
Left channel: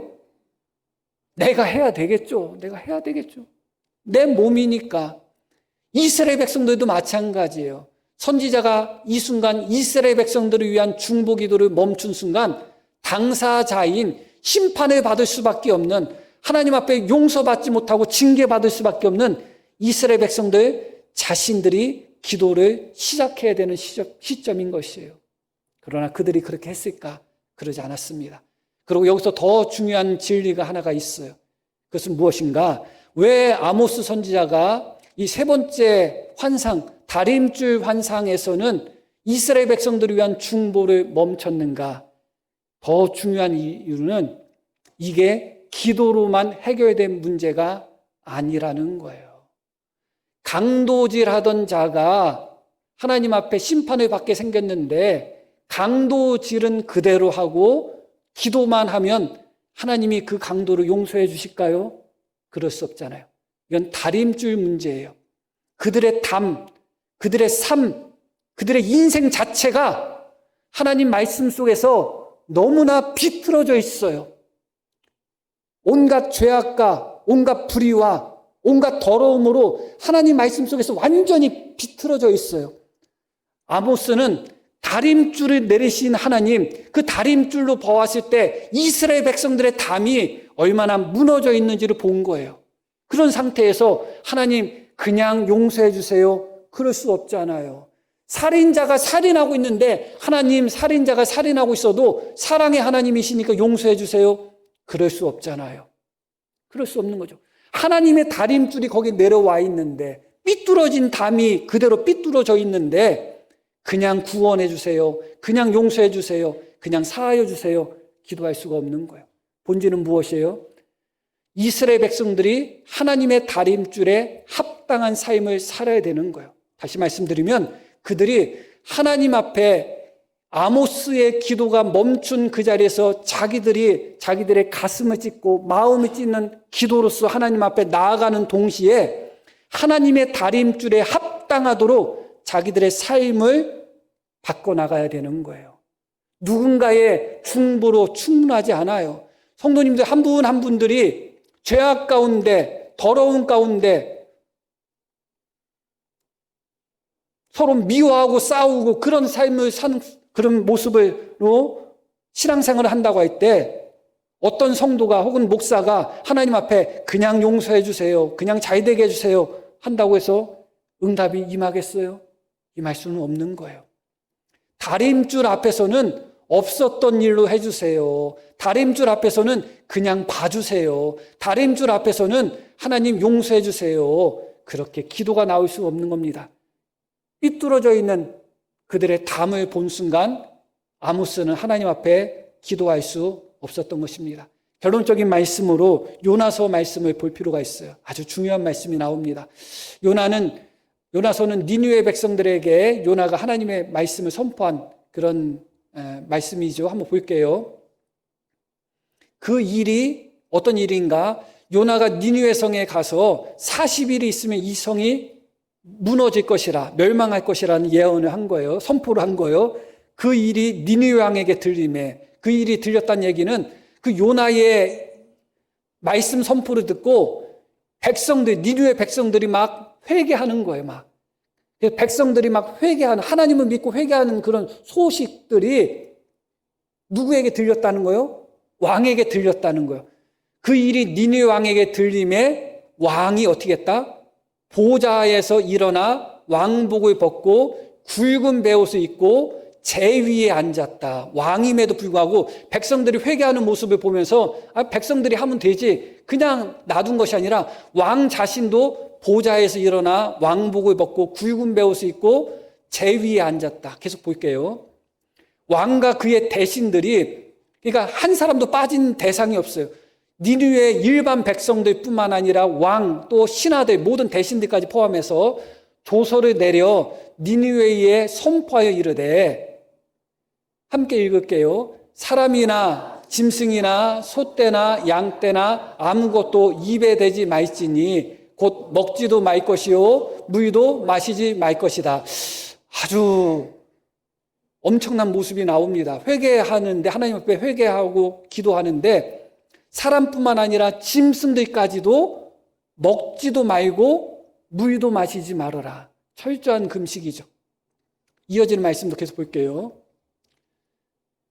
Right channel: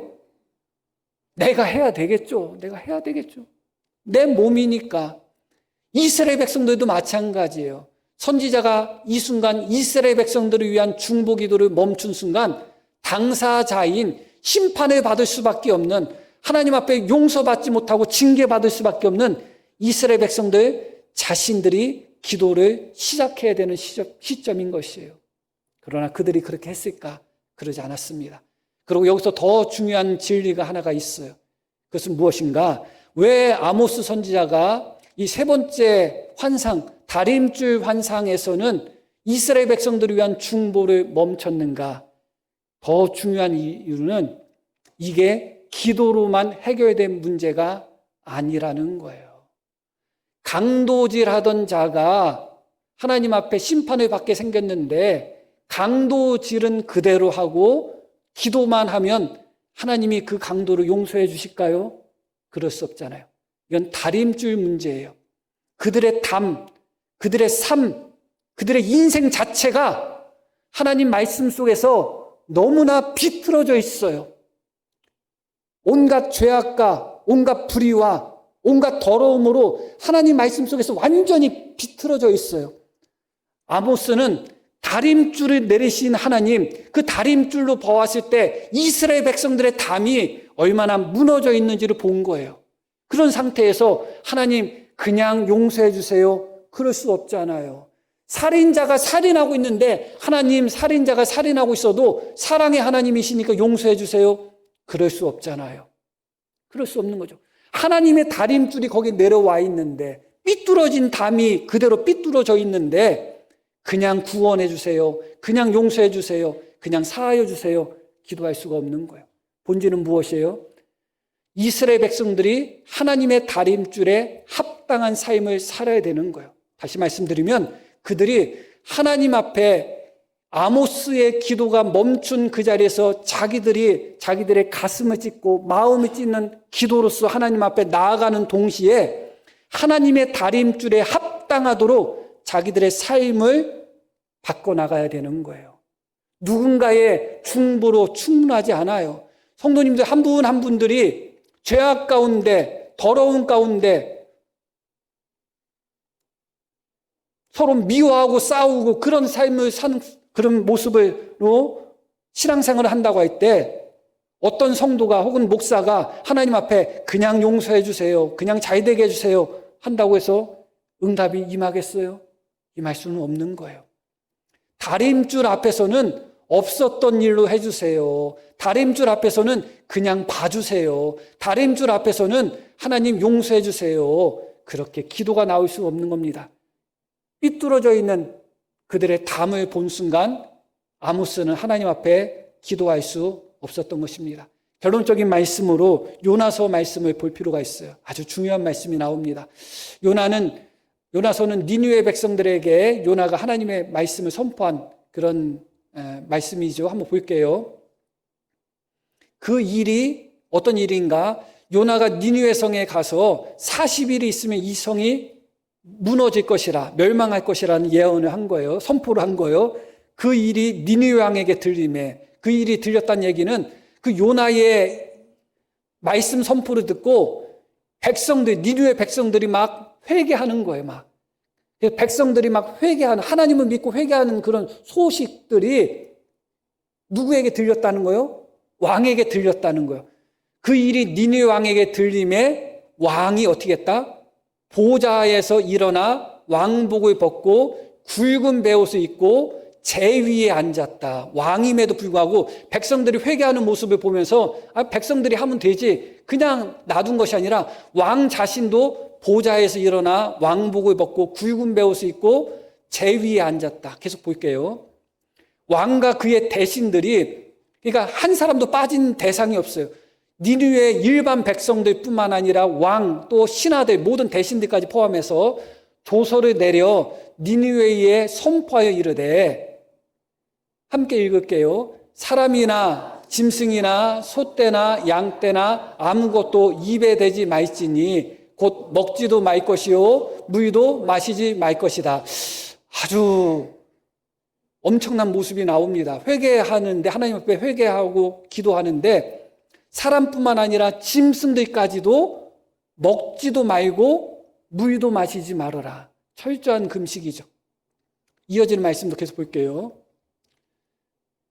내가 해야 되겠죠. 내가 해야 되겠죠. 내 몸이니까. 이스라엘 백성들도 마찬가지예요. 선지자가 이 순간 이스라엘 백성들을 위한 중보 기도를 멈춘 순간 당사자인 심판을 받을 수밖에 없는, 하나님 앞에 용서받지 못하고 징계받을 수밖에 없는 이스라엘 백성들 자신들이 기도를 시작해야 되는 시점인 것이에요. 그러나 그들이 그렇게 했을까? 그러지 않았습니다. 그리고 여기서 더 중요한 진리가 하나가 있어요. 그것은 무엇인가? 왜 아모스 선지자가 이 세 번째 환상, 다림줄 환상에서는 이스라엘 백성들을 위한 중보를 멈췄는가? 더 중요한 이유는 이게 기도로만 해결된 문제가 아니라는 거예요. 강도질하던 자가 하나님 앞에 심판을 받게 생겼는데, 강도질은 그대로 하고 기도만 하면 하나님이 그 강도를 용서해 주실까요? 그럴 수 없잖아요. 이건 다림줄 문제예요. 그들의 담, 그들의 삶, 그들의 인생 자체가 하나님 말씀 속에서 너무나 비틀어져 있어요. 온갖 죄악과 온갖 불의와 온갖 더러움으로 하나님 말씀 속에서 완전히 비틀어져 있어요. 아모스는 다림줄을 내리신 하나님, 그 다림줄로 보았을 때 이스라엘 백성들의 담이 얼마나 무너져 있는지를 본 거예요. 그런 상태에서 하나님 그냥 용서해 주세요. 그럴 수 없잖아요. 살인자가 살인하고 있는데 하나님, 살인자가 살인하고 있어도 사랑의 하나님이시니까 용서해 주세요. 그럴 수 없잖아요. 그럴 수 없는 거죠. 하나님의 다림줄이 거기 내려와 있는데, 삐뚤어진 담이 그대로 삐뚤어져 있는데 그냥 구원해 주세요, 그냥 용서해 주세요, 그냥 사하여 주세요 기도할 수가 없는 거예요. 본질은 무엇이에요? 이스라엘 백성들이 하나님의 다림줄에 합당한 삶을 살아야 되는 거예요. 다시 말씀드리면 그들이 하나님 앞에 아모스의 기도가 멈춘 그 자리에서 자기들의 가슴을 찢고 마음을 찢는 기도로서 하나님 앞에 나아가는 동시에 하나님의 다림줄에 합당하도록 자기들의 삶을 바꿔나가야 되는 거예요. 누군가의 중보로 충분하지 않아요. 성도님들 한 분 한 분들이 죄악 가운데, 더러운 가운데 서로 미워하고 싸우고 그런 삶을 사는 그런 모습으로 신앙생활을 한다고 할 때, 어떤 성도가 혹은 목사가 하나님 앞에 그냥 용서해 주세요, 그냥 잘 되게 해주세요 한다고 해서 응답이 임하겠어요? 이 말씀은 없는 거예요. 다림줄 앞에서는 없었던 일로 해주세요. 다림줄 앞에서는 그냥 봐주세요. 다림줄 앞에서는 하나님 용서해 주세요. 그렇게 기도가 나올 수가 없는 겁니다. 삐뚤어져 있는 그들의 담을 본 순간 아모스는 하나님 앞에 기도할 수 없었던 것입니다. 결론적인 말씀으로 요나서 말씀을 볼 필요가 있어요. 아주 중요한 말씀이 나옵니다. 요나서는 니느웨 백성들에게 요나가 하나님의 말씀을 선포한 그런 말씀이죠. 한번 볼게요. 그 일이 어떤 일인가? 요나가 니느웨 성에 가서 40일이 있으면 이 성이 무너질 것이라, 멸망할 것이라는 예언을 한 거예요. 선포를 한 거예요. 그 일이 니느웨 왕에게 들림에, 그 일이 들렸다는 얘기는 그 요나의 말씀 선포를 듣고 니느웨 백성들이 막 회개하는 거예요. 막 백성들이 막 회개하는, 하나님을 믿고 회개하는 그런 소식들이 누구에게 들렸다는 거예요? 왕에게 들렸다는 거예요. 그 일이 니네 왕에게 들림에 왕이 어떻게 했다? 보좌에서 일어나 왕복을 벗고 굵은 베옷을 입고 제위에 앉았다. 왕임에도 불구하고 백성들이 회개하는 모습을 보면서 백성들이 하면 되지, 그냥 놔둔 것이 아니라 왕 자신도 보좌에서 일어나 왕복을 벗고 굵은 베옷을 입고 제위에 앉았다. 계속 볼게요. 왕과 그의 대신들이, 그러니까 한 사람도 빠진 대상이 없어요. 니느웨 일반 백성들 뿐만 아니라 왕, 또 신하들, 모든 대신들까지 포함해서 조서를 내려 니느웨에 선포하여 이르되, 함께 읽을게요. 사람이나 짐승이나 소떼나 양떼나 아무것도 입에 대지 말지니 곧 먹지도 말 것이요 물도 마시지 말 것이다. 아주 엄청난 모습이 나옵니다. 회개하는데, 하나님 앞에 회개하고 기도하는데 사람뿐만 아니라 짐승들까지도 먹지도 말고 물도 마시지 말아라. 철저한 금식이죠. 이어지는 말씀도 계속 볼게요.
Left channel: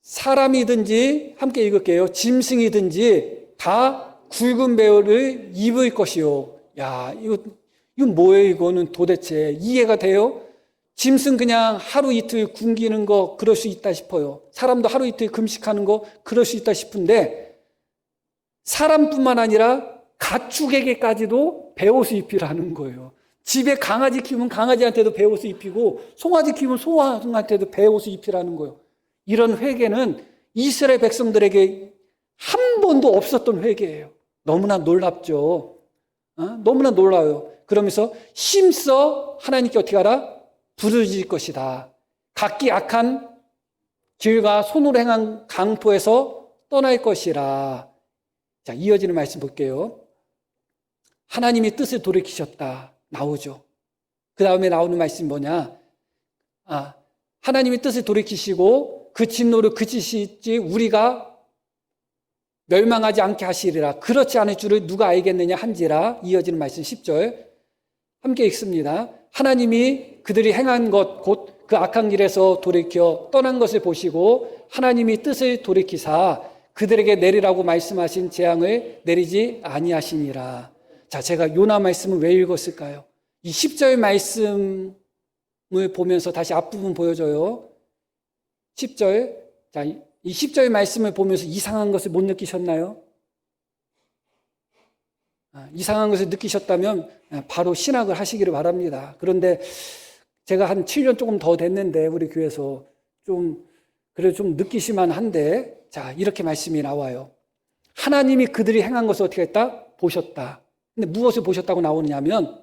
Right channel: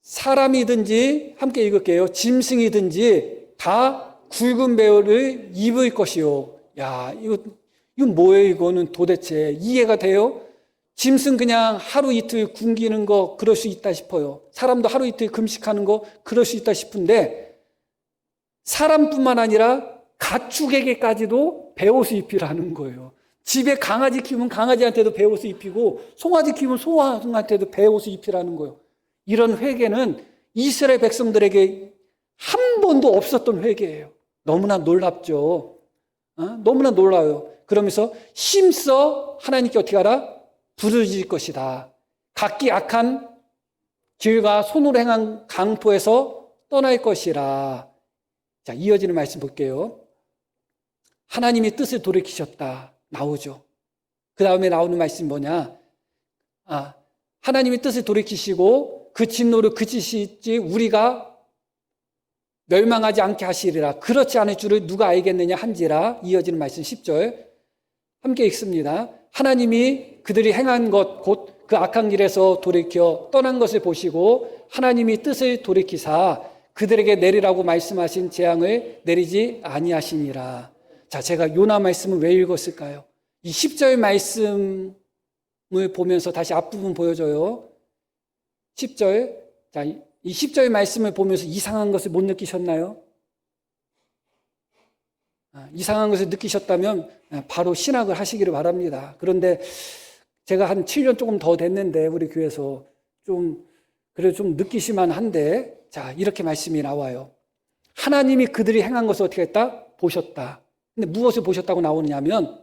사람이든지, 함께 읽을게요. 짐승이든지 다 굵은 베옷을 입을 것이요. 야, 이건 뭐예요? 이거는 도대체 이해가 돼요? 짐승 그냥 하루 이틀 굶기는 거 그럴 수 있다 싶어요. 사람도 하루 이틀 금식하는 거 그럴 수 있다 싶은데, 사람뿐만 아니라 가축에게까지도 베옷을 입히라는 거예요. 집에 강아지 키우면 강아지한테도 베옷을 입히고, 송아지 키우면 송아지한테도 베옷을 입히라는 거예요. 이런 회개는 이스라엘 백성들에게 한 번도 없었던 회개예요. 너무나 놀랍죠. 너무나 놀라워요. 그러면서 힘써 하나님께 어떻게 하라? 부르짖을 것이다. 각기 악한 죄가 손으로 행한 강포에서 떠날 것이라. 자, 이어지는 말씀 볼게요. 하나님이 뜻을 돌이키셨다. 나오죠. 그 다음에 나오는 말씀 뭐냐? 하나님이 뜻을 돌이키시고 그 진노를 그치실지 우리가 멸망하지 않게 하시리라. 그렇지 않을 줄을 누가 알겠느냐 한지라. 이어지는 말씀 10절 함께 읽습니다. 하나님이 그들이 행한 것 곧 그 악한 길에서 돌이켜 떠난 것을 보시고 하나님이 뜻을 돌이키사 그들에게 내리라고 말씀하신 재앙을 내리지 아니하시니라. 자, 제가 요나 말씀을 왜 읽었을까요? 이 10절 말씀을 보면서 다시 앞부분 보여줘요. 10절. 자, 이 10절 말씀을 보면서 이상한 것을 못 느끼셨나요? 이상한 것을 느끼셨다면 바로 신학을 하시기를 바랍니다. 그런데 제가 한 7년 조금 더 됐는데 우리 교회에서 그래도 좀 느끼실만 한데, 자, 이렇게 말씀이 나와요. 하나님이 그들이 행한 것을 어떻게 했다? 보셨다. 근데 무엇을 보셨다고 나오느냐면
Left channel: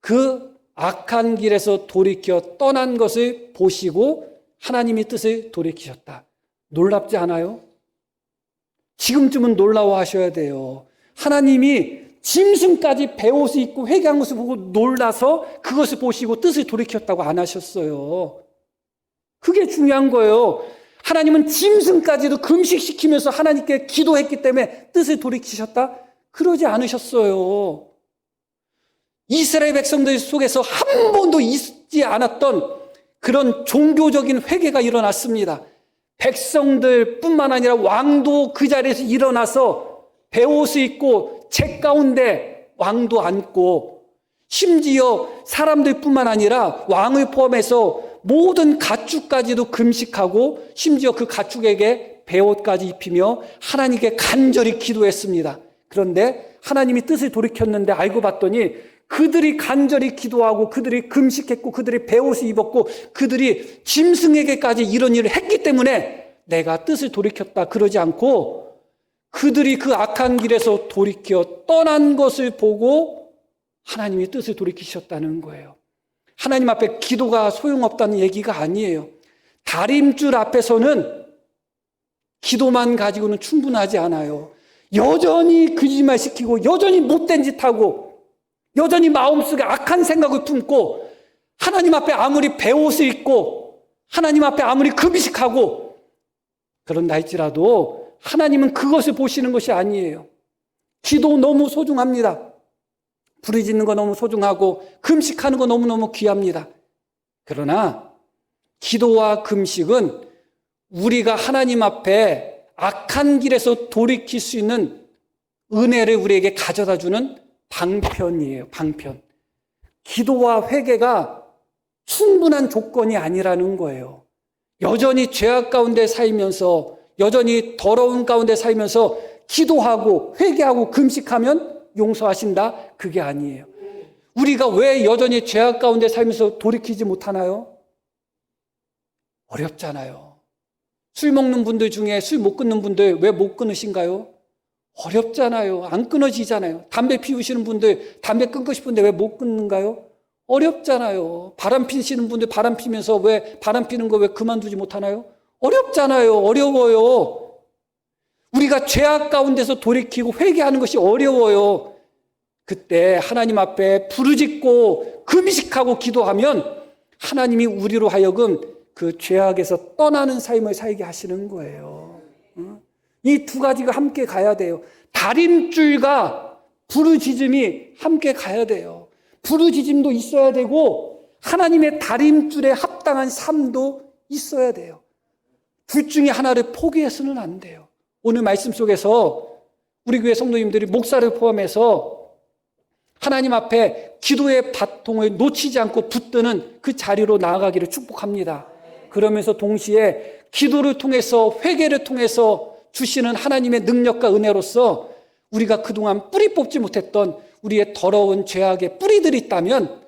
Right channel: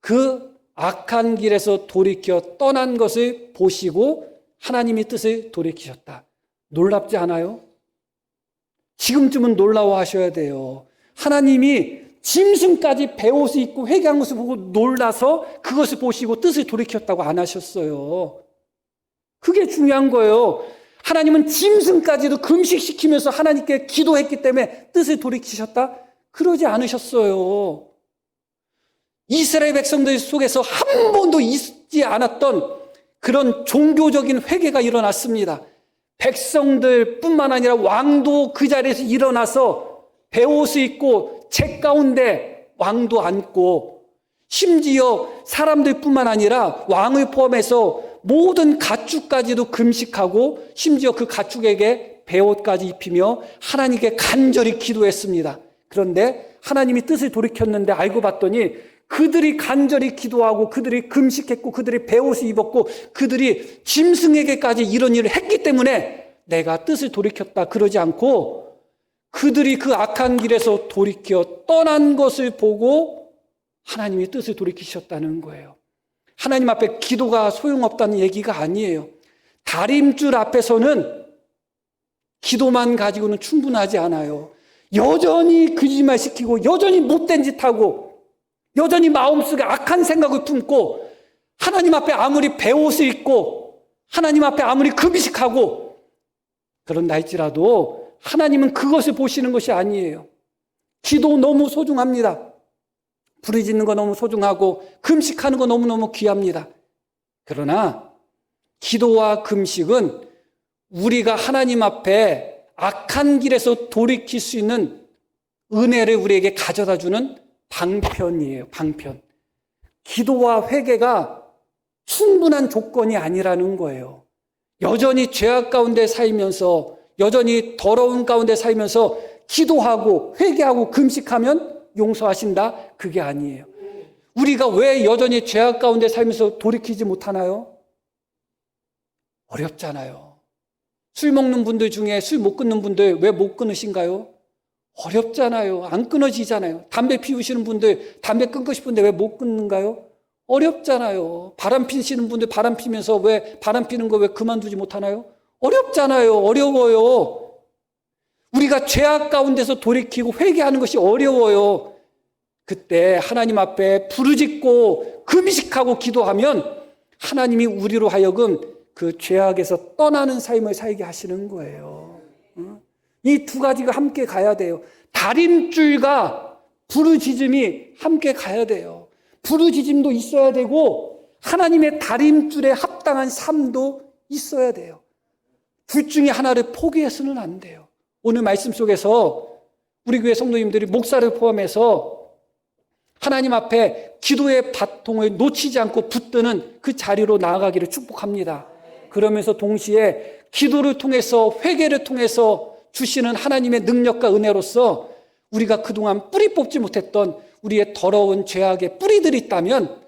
그 악한 길에서 돌이켜 떠난 것을 보시고 하나님이 뜻을 돌이키셨다. 놀랍지 않아요? 지금쯤은 놀라워하셔야 돼요. 하나님이 짐승까지 베옷을 입고 회개한 것을 보고 놀라서 그것을 보시고 뜻을 돌이켰다고 안 하셨어요. 그게 중요한 거예요. 하나님은 짐승까지도 금식시키면서 하나님께 기도했기 때문에 뜻을 돌이키셨다? 그러지 않으셨어요. 이스라엘 백성들 속에서 한 번도 있지 않았던 그런 종교적인 회개가 일어났습니다. 백성들뿐만 아니라 왕도 그 자리에서 일어나서 베옷을 입고 책 가운데 왕도 앉고, 심지어 사람들뿐만 아니라 왕을 포함해서 모든 가축까지도 금식하고 심지어 그 가축에게 베옷까지 입히며 하나님께 간절히 기도했습니다. 그런데 하나님이 뜻을 돌이켰는데 알고 봤더니 그들이 간절히 기도하고 그들이 금식했고 그들이 베옷을 입었고 그들이 짐승에게까지 이런 일을 했기 때문에 내가 뜻을 돌이켰다 그러지 않고, 그들이 그 악한 길에서 돌이켜 떠난 것을 보고 하나님이 뜻을 돌이키셨다는 거예요. 하나님 앞에 기도가 소용없다는 얘기가 아니에요. 다림줄 앞에서는 기도만 가지고는 충분하지 않아요. 여전히 거짓말 시키고 여전히 못된 짓 하고 여전히 마음속에 악한 생각을 품고 하나님 앞에 아무리 베옷을 입고 하나님 앞에 아무리 금식하고 그런다 할지라도 하나님은 그것을 보시는 것이 아니에요. 기도 너무 소중합니다. 부르짖는 거 너무 소중하고 금식하는 거 너무너무 귀합니다. 그러나 기도와 금식은 우리가 하나님 앞에 악한 산 길에서 돌이킬 수 있는 은혜를 우리에게 가져다 주는 방편이에요. 방편. 기도와 회개가 충분한 조건이 아니라는 거예요. 여전히 죄악 가운데 살면서, 여전히 더러운 가운데 살면서 기도하고 회개하고 금식하면 용서하신다? 그게 아니에요. 우리가 왜 여전히 죄악 가운데 살면서 돌이키지 못하나요? 어렵잖아요. 술 먹는 분들 중에 술 못 끊는 분들 왜 못 끊으신가요? 어렵잖아요. 안 끊어지잖아요. 담배 피우시는 분들 담배 끊고 싶은데 왜 못 끊는가요? 어렵잖아요. 바람 피시는 분들 바람 피면서 왜 바람 피는 거 왜 그만두지 못하나요? 어렵잖아요. 어려워요. 우리가 죄악 가운데서 돌이키고 회개하는 것이 어려워요. 그때 하나님 앞에 부르짖고 금식하고 기도하면 하나님이 우리로 하여금 그 죄악에서 떠나는 삶을 살게 하시는 거예요. 이 두 가지가 함께 가야 돼요. 다림줄과 부르짖음이 함께 가야 돼요. 부르짖음도 있어야 되고 하나님의 다림줄에 합당한 삶도 있어야 돼요. 둘 중에 하나를 포기해서는 안 돼요. 오늘 말씀 속에서 우리 교회 성도님들이 목사를 포함해서 하나님 앞에 기도의 바통을 놓치지 않고 붙드는 그 자리로 나아가기를 축복합니다. 그러면서 동시에 기도를 통해서 회개를 통해서 주시는 하나님의 능력과 은혜로서 우리가 그동안 뿌리 뽑지 못했던 우리의 더러운 죄악의 뿌리들이 있다면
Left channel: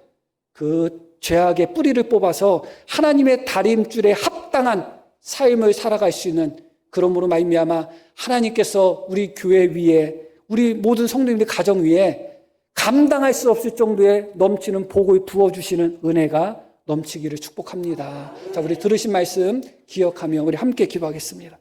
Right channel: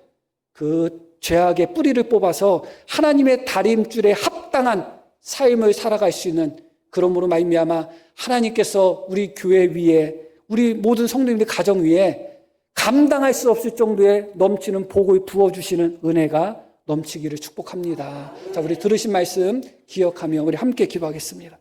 그 죄악의 뿌리를 뽑아서 하나님의 다림줄에 합당한 삶을 살아갈 수 있는, 그러므로 말미암아 하나님께서 우리 교회 위에, 우리 모든 성도님들 가정 위에 감당할 수 없을 정도의 넘치는 복을 부어주시는 은혜가 넘치기를 축복합니다. 자, 우리 들으신 말씀 기억하며 우리 함께 기도하겠습니다.